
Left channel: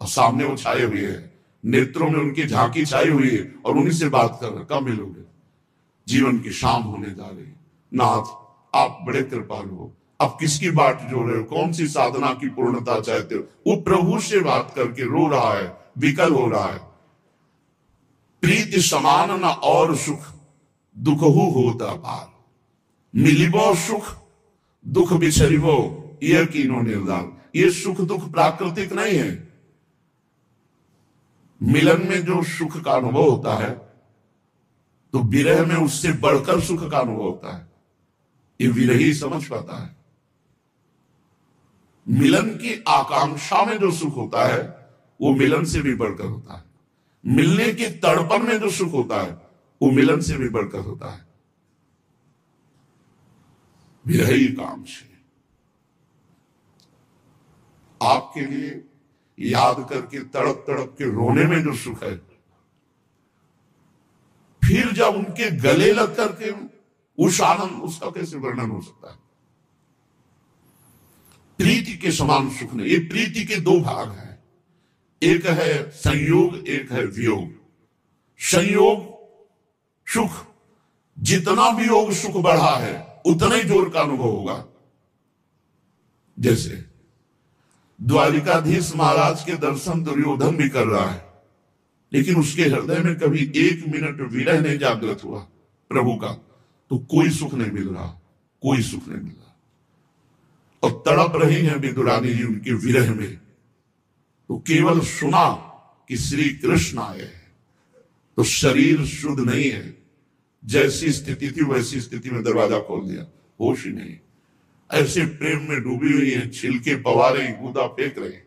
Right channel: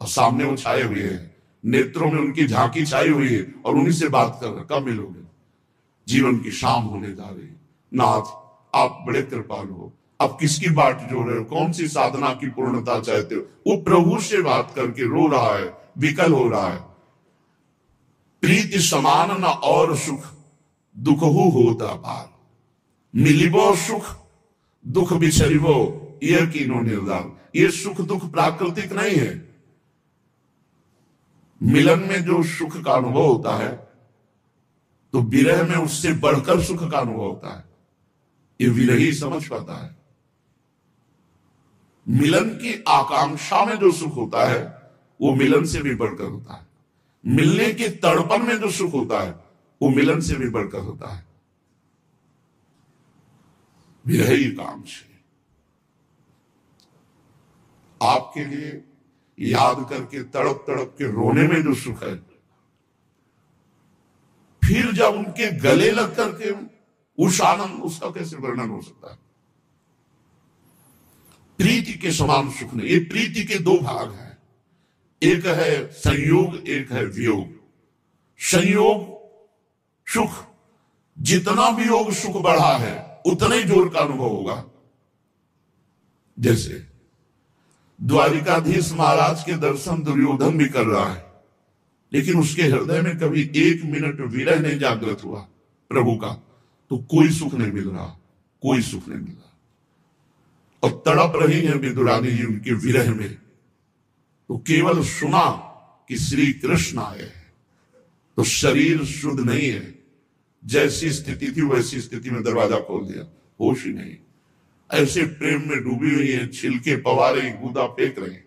और सामने वो छाए हुए हैं, नेत्रों में उनकी झांकी छाई हुई है और उन्हीं से बात कर रहे, कब मिलोगे? जीवन की शाम होने जा रही। नाथ आप बड़े कृपालु हो, अब किसकी बाट जो रहे हो? कौन सी साधना की पूर्णता चाहते हो? वो प्रभु से बात करके रो रहा है, विकल हो रहा है। प्रीति समान न और सुख, दुख होता पार, मिलिबो सुख दुख बिछरिबो, यह कीनो निर्धार। ये सुख दुख प्राकृतिक नहीं है। मिलन में जो सुख का अनुभव होता है तो विरह में उससे बढ़कर सुख का अनुभव होता है। ये विरही समझ पाता है। मिलन की आकांक्षा में जो सुख होता है वो मिलन से भी बढ़कर होता है। मिलने के तड़पन में जो सुख होता है वो मिलन से भी बढ़कर होता है। विरही कांक्षा आपके लिए याद करके तड़प तड़प के रोने में जो सुख है, फिर जब उनके गले लग करके उस आनंद, उसका कैसे वर्णन हो सकता है? प्रीति के समान सुख नहीं। ये प्रीति के दो भाग हैं, एक है संयोग, एक है वियोग। संयोग सुख, जितना वियोग सुख बढ़ा है उतना ही जोर का अनुभव होगा। जैसे द्वारिकाधीश महाराज के दर्शन दुर्योधन भी कर रहा है, लेकिन उसके हृदय में कभी 1 मिनट विरह नहीं जागृत हुआ प्रभु का, तो कोई सुख नहीं मिल रहा, कोई सुख नहीं मिल रहा। और तड़प रही हैं विदुरानी जी उनके विरह में। तो केवल सुना कि श्री कृष्ण आए हैं, तो शरीर शुद्ध नहीं है, जैसी स्थिति थी वैसी स्थिति में दरवाजा खोल दिया, होश ही नहीं। ऐसे प्रेम में डूबी हुई है, छिलके पवा रही, गुदा फेंक रही।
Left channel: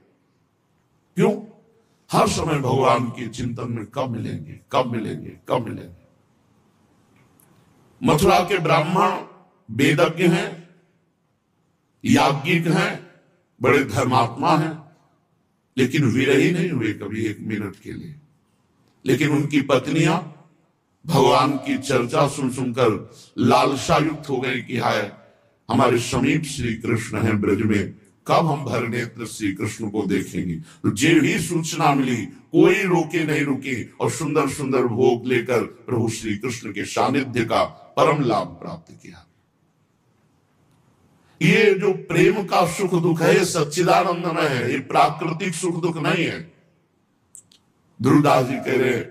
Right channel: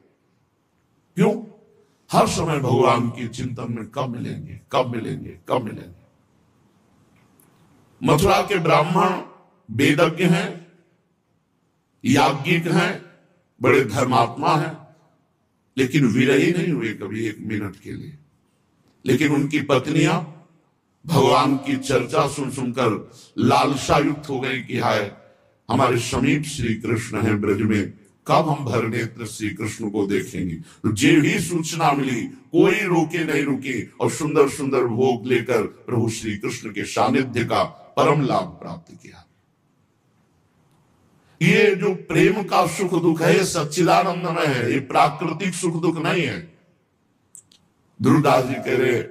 क्यों? हर समय भगवान की चिंतन में कब मिलेंगे, कब मिलेंगे, कब मिलेंगे। मथुरा के ब्राह्मण वेदज्ञ हैं, याज्ञिक हैं, बड़े धर्मात्मा हैं, लेकिन विरही नहीं हुए कभी 1 मिनट के लिए। लेकिन उनकी पत्नियां भगवान की चर्चा सुन सुनकर लालसा युक्त हो गई कि हाय, हमारे समीप श्री कृष्ण हैं ब्रज में, कब हम भर नेत्र श्री कृष्ण को देखेंगे। तो जे भी सूचना मिली, कोई रोके नहीं रुके, और सुंदर सुंदर भोग लेकर प्रभु श्री कृष्ण के सानिध्य का परम लाभ प्राप्त किया। ये जो प्रेम का सुख दुख है, सच्चिदानंदमय है, ये प्राकृतिक सुख दुख नहीं है। ध्रुवदास जी कह रहे,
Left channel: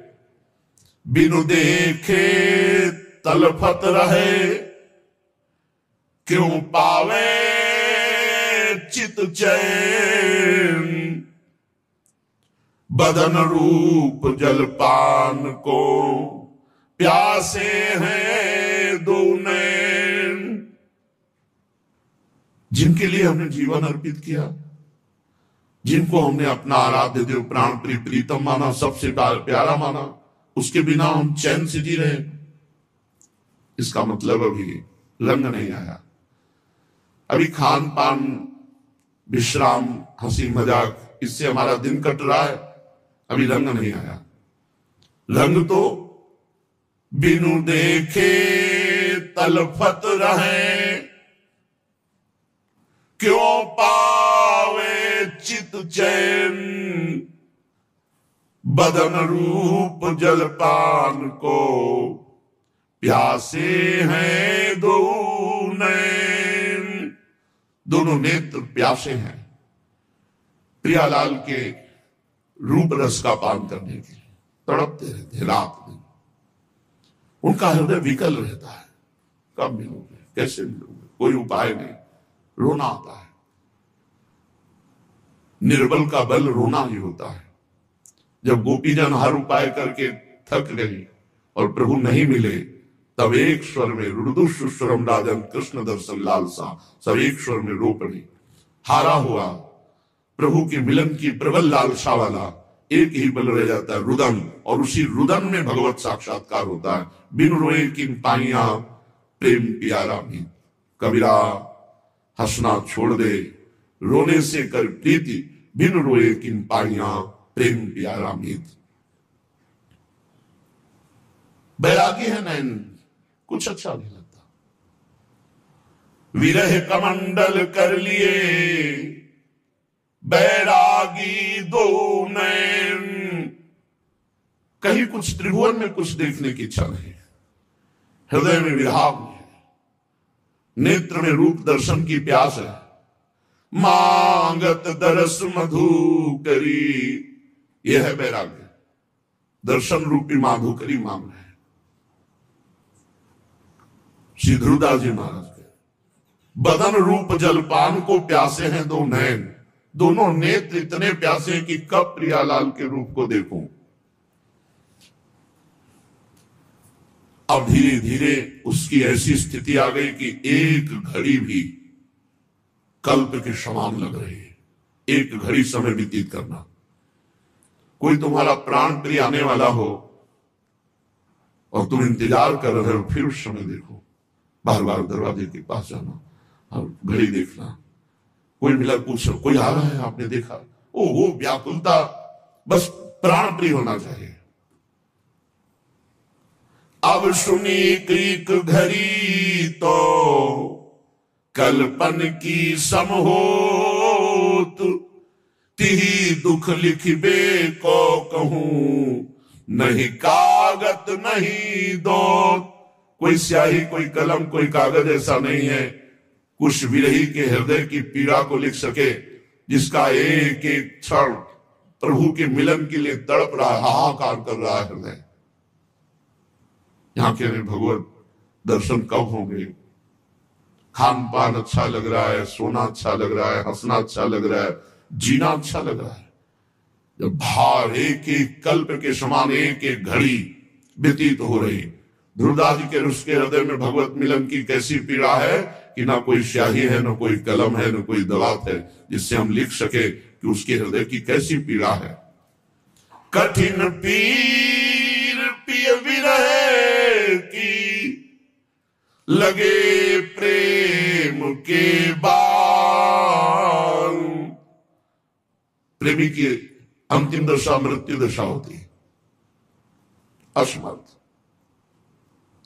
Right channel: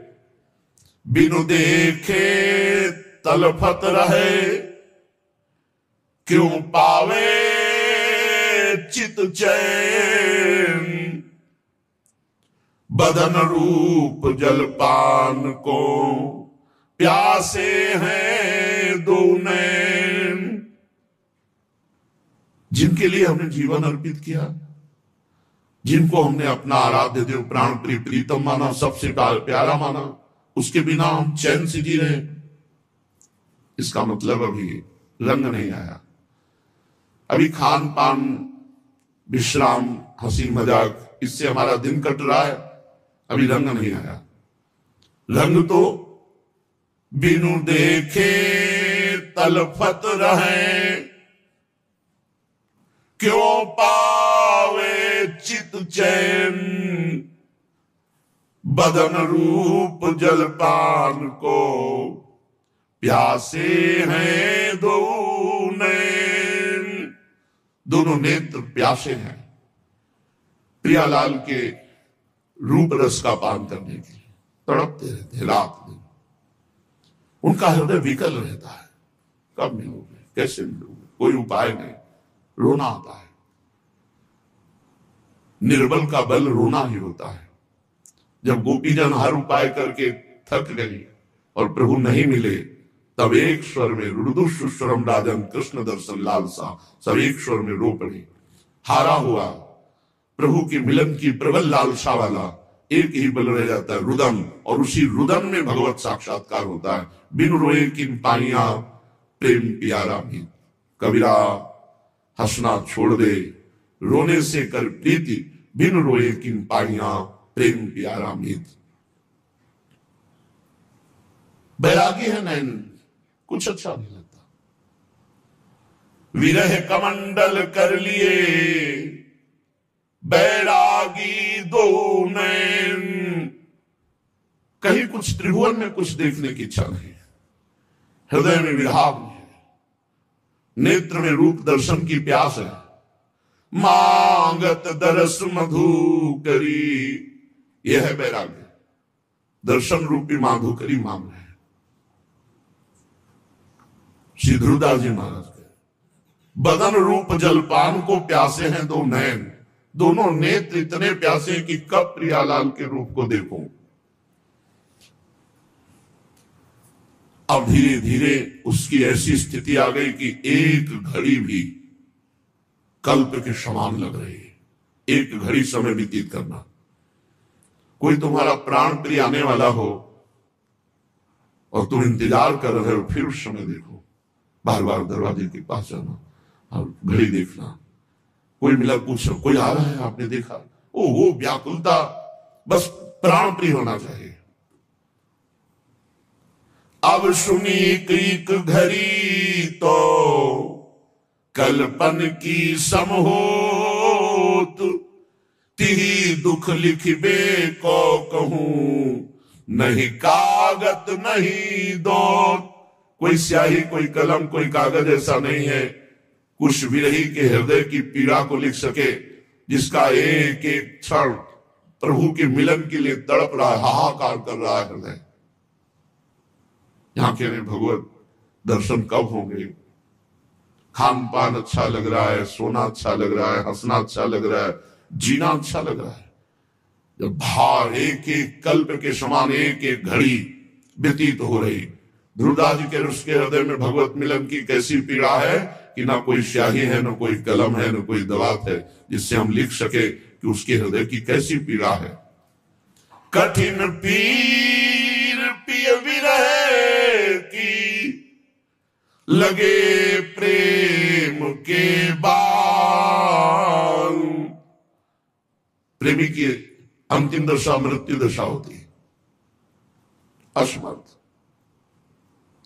बिनु देखे तलफत रहे, क्यों पावे चित चैन, बदन रूप जलपान को प्यासे हैं दो नैन। जिनके लिए हमने जीवन अर्पित किया, जिनको हमने अपना आराध्य देव प्राण प्रिय प्रीतम माना, सबसे प्यारा माना, उसके बिना हम चैन से जी रहे। इसका मतलब अभी रंग नहीं आया। अभी खान पान, विश्राम, हंसी मजाक, इससे हमारा दिन कट रहा है, अभी रंग नहीं आया। रंग तो बिनु देखे तलफत रहे, क्यों पावे चित चैन, बदन रूप जलपान को प्यासे हैं दो नैन। दोनों नेत्र प्यासे हैं प्रियालाल के रूप रस का पान करने के लिए, तड़पते रहते रात दिन। उनका हृदय विकल रहता है, कब मिलोगे, कैसे मिलोगे, कोई उपाय नहीं, रोना आता है। निर्बल का बल रोना ही होता है। जब गोपीजन हर उपाय करके थक गई और प्रभु नहीं मिले, तब एक स्वर में रुदुस्वरम राजन कृष्ण दर्शन लालसा, सब एक स्वर में रो पड़े। हारा हुआ प्रभु के मिलन की प्रबल लालसा वाला एक ही बल रह जाता है, रुदन, और उसी रुदन में भगवत साक्षात्कार होता है। बिन रोए किन पाइया प्रेम प्यारा भी, कबीरा हंसना छोड़ दे, रोने से कर प्रीति, बिन रोए किन पाइया प्रेम प्यारा मीत। बैरागी है नैन, कुछ अच्छा नहीं लगता। विरह कमंडल कर लिए बैरागी दो नैन। कहीं कुछ त्रिभुवन में कुछ देखने की इच्छा नहीं, हृदय में विराम है, नेत्र में रूप दर्शन की प्यास है। मांगत दरस मधुकरी, यह है बैराग्य, दर्शन रूपी माधुकरी मांग रहे हैं। श्री ध्रुवदास जी महाराज के बदन रूप जलपान को प्यासे हैं दो नैन। दोनों नेत्र इतने प्यासे हैं कि कब प्रियालाल के रूप को देखूं। अब धीरे धीरे उसकी ऐसी स्थिति आ गई कि एक घड़ी भी कल्प के समान लग रही है। एक घड़ी समय व्यतीत करना, कोई तुम्हारा प्राण प्रिय आने वाला हो और तुम इंतजार कर रहे हो, फिर उस समय देखो, बार बार दरवाजे के पास जाना और घड़ी देखना। कोई मिला, पूछ कोई आ रहा है, आपने देखा, ओ वो व्याकुलता, बस प्राण प्रिय होना चाहिए। अब सुनी एक घड़ी तो कल्पन की समहोत, तिही दुख लिखबे को कहूं, नहीं कागज नहीं दो। कोई स्याही, कोई कलम, कोई कागज ऐसा नहीं है कुछ विरही के हृदय की पीड़ा को लिख सके, जिसका एक एक क्षण प्रभु के मिलन के लिए तड़प रहा है, हाहाकार कर रहा है हृदय। यहां कह रहे भगवत दर्शन कब होंगे? खान पान अच्छा लग रहा है, सोना अच्छा लग रहा है, हंसना अच्छा लग रहा है, जीना अच्छा लग रहा है। जब भार एक एक कल्प के समान एक एक घड़ी व्यतीत हो रही, ध्रुवदास जी के उसके हृदय में भगवत मिलन की कैसी पीड़ा है कि ना कोई स्याही है, ना कोई कलम है, ना कोई दवात है जिससे हम लिख सके कि उसके हृदय की कैसी पीड़ा है। कठिन पीर पिय विरह की, लगे प्रेम के बाण। प्रेमी की अंतिम दशा मृत्यु दशा होती है, असमर्थ।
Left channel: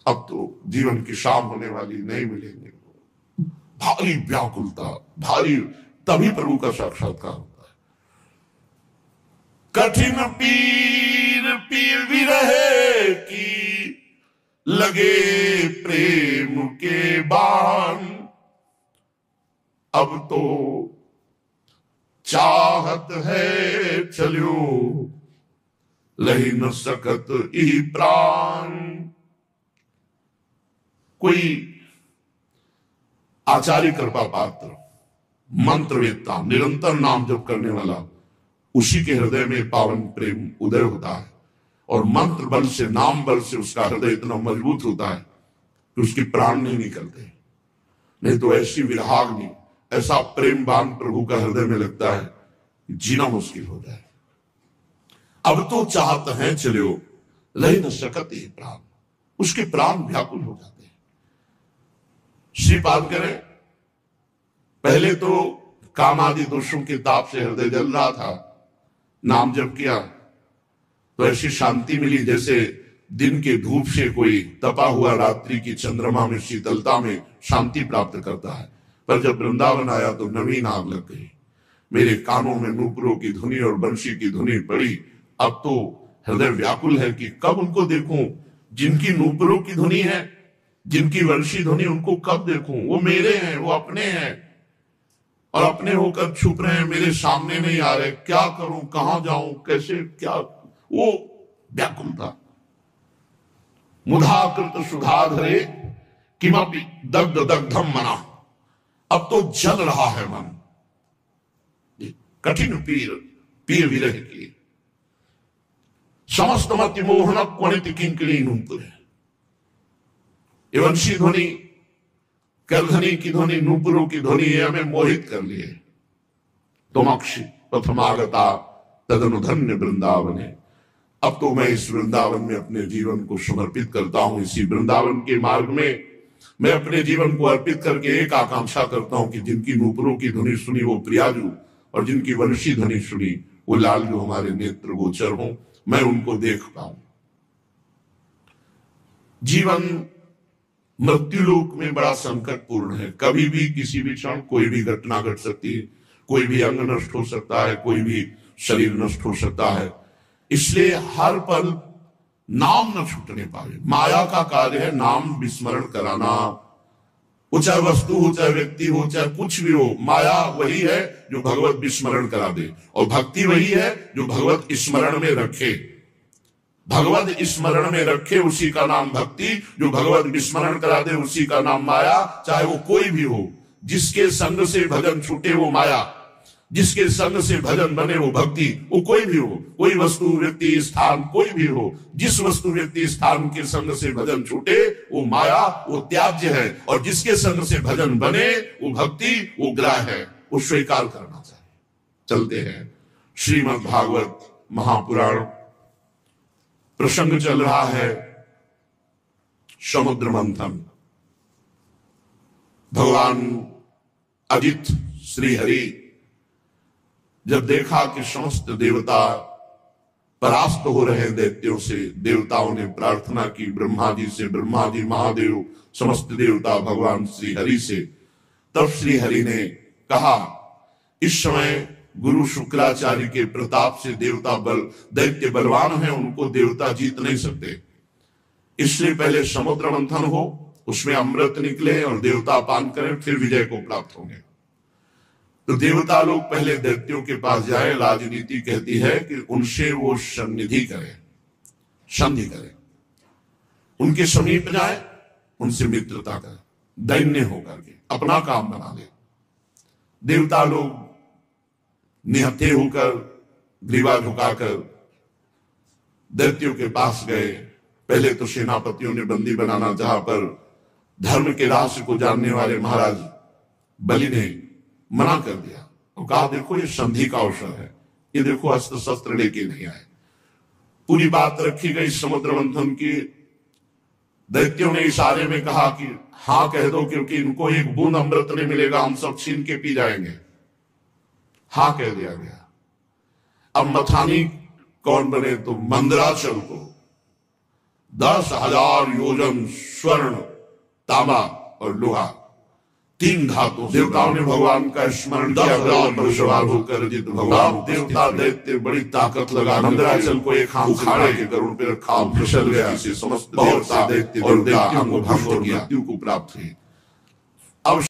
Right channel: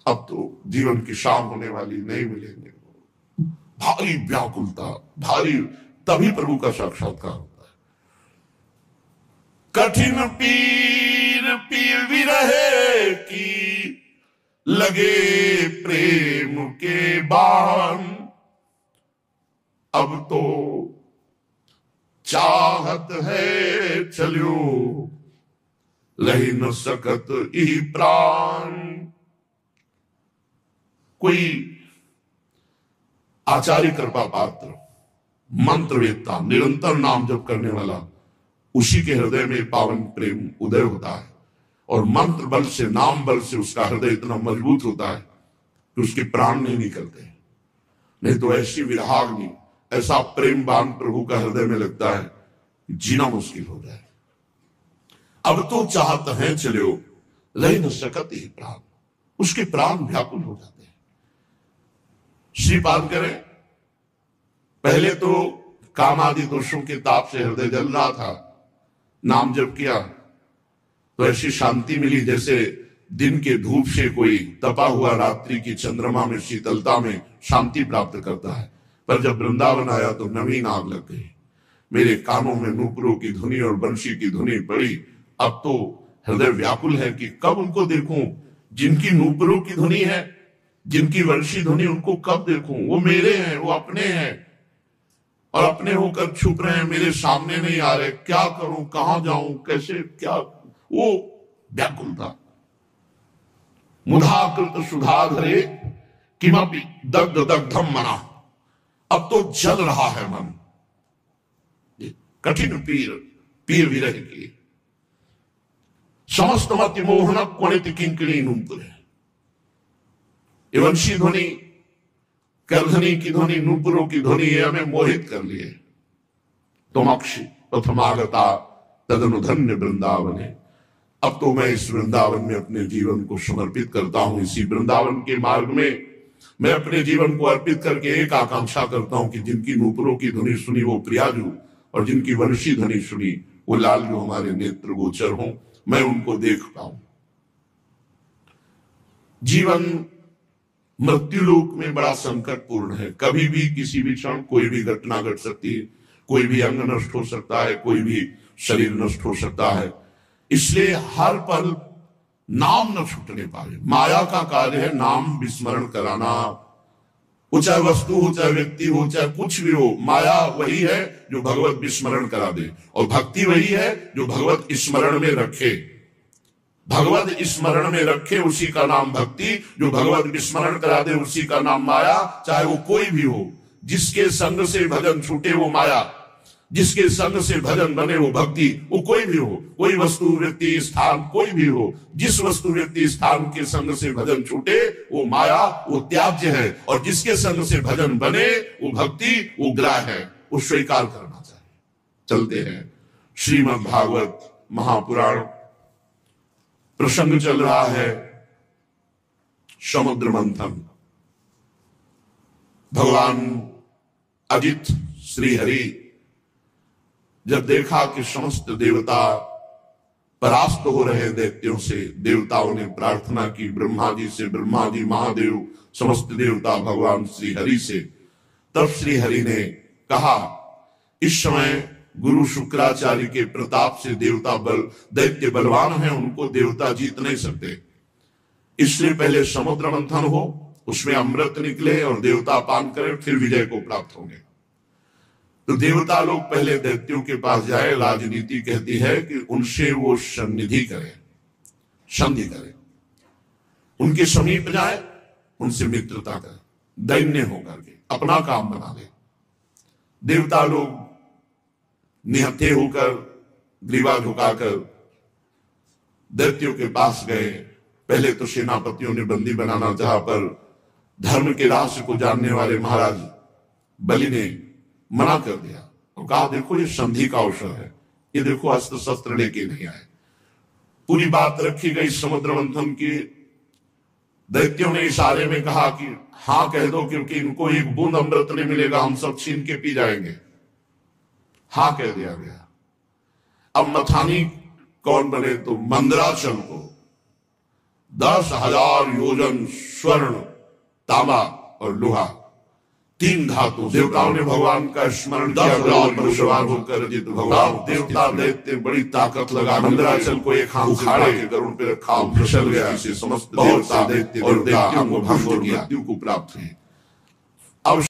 अब तो जीवन की शाम होने वाली, नहीं मिलेंगे। भारी व्याकुलता, भारी, तभी प्रभु का साक्षात्कार होता है। कठिन पीर पीर विरह की, लगे प्रेम के बाण। अब तो चाहत है चलियो, लही न सकत ई प्राण। कोई आचार्य कृपा पात्र, मंत्रवेत्ता, निरंतर नाम जप करने वाला, उसी के हृदय में पावन प्रेम उदय होता है। और मंत्र बल से, नाम बल से उसका हृदय इतना मजबूत होता है कि उसके प्राण नहीं निकलते। नहीं तो ऐसी विरहाग्नि, ऐसा प्रेमवान प्रभु का हृदय में लगता है कि जीना मुश्किल हो जाए। अब तो चाहत है चलो, लही न सकत ही प्राण। उसके प्राण व्याकुल हो जाते हैं। श्रीपाद करें, पहले तो काम आदि दोषों के ताप से हृदय जल रहा था, नाम जप किया तो ऐसी शांति मिली जैसे दिन के धूप से कोई तपा हुआ रात्रि की चंद्रमा में शीतलता में शांति प्राप्त करता है। पर जब वृंदावन आया तो नवीन आग लग गई। मेरे कानों में नूपुरों की धुनी और बंशी की धुनी पड़ी। अब तो हृदय व्याकुल है कि कब उनको देखूं जिनकी नूपुरों की धुनी है, जिनकी वंशी ध्वनि, उनको कब देखूं। वो मेरे हैं, वो अपने हैं, और अपने होकर छुप रहे हैं, मेरे सामने नहीं आ रहे। क्या करूं, कहां जाऊं, कैसे, क्या, वो व्याकुल था। मुधाकृत सुधाधरे किमपि दग्ध दग्धम मना। अब तो जल रहा है मन। कठिन पीर पीर विरह की, समस्त मति मोहन क्वनित किंकिणी नूपुर। वंशी ध्वनि, करधनी की ध्वनि, नूपुरों की ध्वनि, ये हमें मोहित कर लिए। तुमक्षि प्रथमागता तदनु धन्य वृंदावन है। अब तो मैं इस वृंदावन में अपने जीवन को समर्पित करता हूं। इसी वृंदावन के मार्ग में मैं अपने जीवन को अर्पित करके एक आकांक्षा करता हूं कि जिनकी नूपुरों की ध्वनि सुनी वो प्रियाजू, और जिनकी वंशी ध्वनि सुनी वो लाल, जो हमारे नेत्र गोचर हों, मैं उनको देख पाऊं। जीवन मृत्युलोक में बड़ा संकटपूर्ण है। कभी भी किसी भी क्षण कोई भी घटना घट सकती है, कोई भी अंग नष्ट हो सकता है, कोई भी शरीर नष्ट हो सकता है। इसलिए हर पल नाम न छूटने पाए। माया का कार्य है नाम विस्मरण कराना। वो चाहे वस्तु हो, चाहे व्यक्ति हो, चाहे कुछ भी हो, माया वही है जो भगवत विस्मरण करा दे, और भक्ति वही है जो भगवत स्मरण में रखे। भगवत स्मरण में रखे उसी का नाम भक्ति, जो भगवत विस्मरण करा दे उसी का नाम माया। चाहे वो कोई भी हो, जिसके संग से भजन छूटे वो माया, जिसके संग से भजन बने वो भक्ति। वो कोई भी हो, कोई वस्तु व्यक्ति स्थान कोई भी हो, जिस वस्तु व्यक्ति स्थान के संग से भजन छूटे वो माया, वो त्याज्य है। और जिसके संग से भजन बने वो भक्ति, वो ग्राह है, वो स्वीकार करना चाहिए। चलते हैं श्रीमद् भागवत महापुराण। प्रसंग चल रहा है समुद्र मंथन। भगवान अजित श्री हरि जब देखा कि समस्त देवता परास्त हो रहे दैत्यों से, देवताओं ने प्रार्थना की ब्रह्मा जी से, ब्रह्मा जी, महादेव, समस्त देवता भगवान श्री हरि से। तब श्री हरि ने कहा, इस समय गुरु शुक्राचार्य के प्रताप से देवता दैत्य बलवान हैं, उनको देवता जीत नहीं सकते। इसलिए पहले समुद्र मंथन हो, उसमें अमृत निकले और देवता पान करें, फिर विजय को प्राप्त होंगे। तो देवता लोग पहले दैत्यों के पास जाए। राजनीति कहती है कि उनसे वो सन्निधि करे, संधि करे, उनके समीप जाए, उनसे मित्रता करे, दैन्य होकर के अपना काम बना ले। देवता लोग निहत्थे होकर, ग्रीवा झुकाकर दैत्यों के पास गए। पहले तो सेनापतियों ने बंदी बनाना चाहा, पर धर्म के रहस्य को जानने वाले महाराज बलि ने मना कर दिया और कहा देखो ये संधि का अवसर है, ये देखो अस्त्र शस्त्र लेके नहीं आए। पूरी बात रखी गई समुद्र मंथन की। दैत्यों ने इशारे में कहा कि हाँ कह दो, क्योंकि इनको एक बूंद अमृत नहीं मिलेगा, हम सब छीन के पी जाएंगे। हाँ कह दिया गया। अब मथानी कौन बने? तो मंदराचल को 10,000 योजन स्वर्ण, तांबा और लोहा, 3 धातु। देवताओं ने भगवान का स्मरण किया, विराट पर सवार होकर जित भगवान। देवता दैत्य बड़ी ताकत लगा मंदराचल को एक हाथ उखाड़े के गरुड़ पे रखा, फिसल गया। समस्त देवता दैत्य और दैत्यों को भंग और मृत्यु को प्राप्त हुई। अब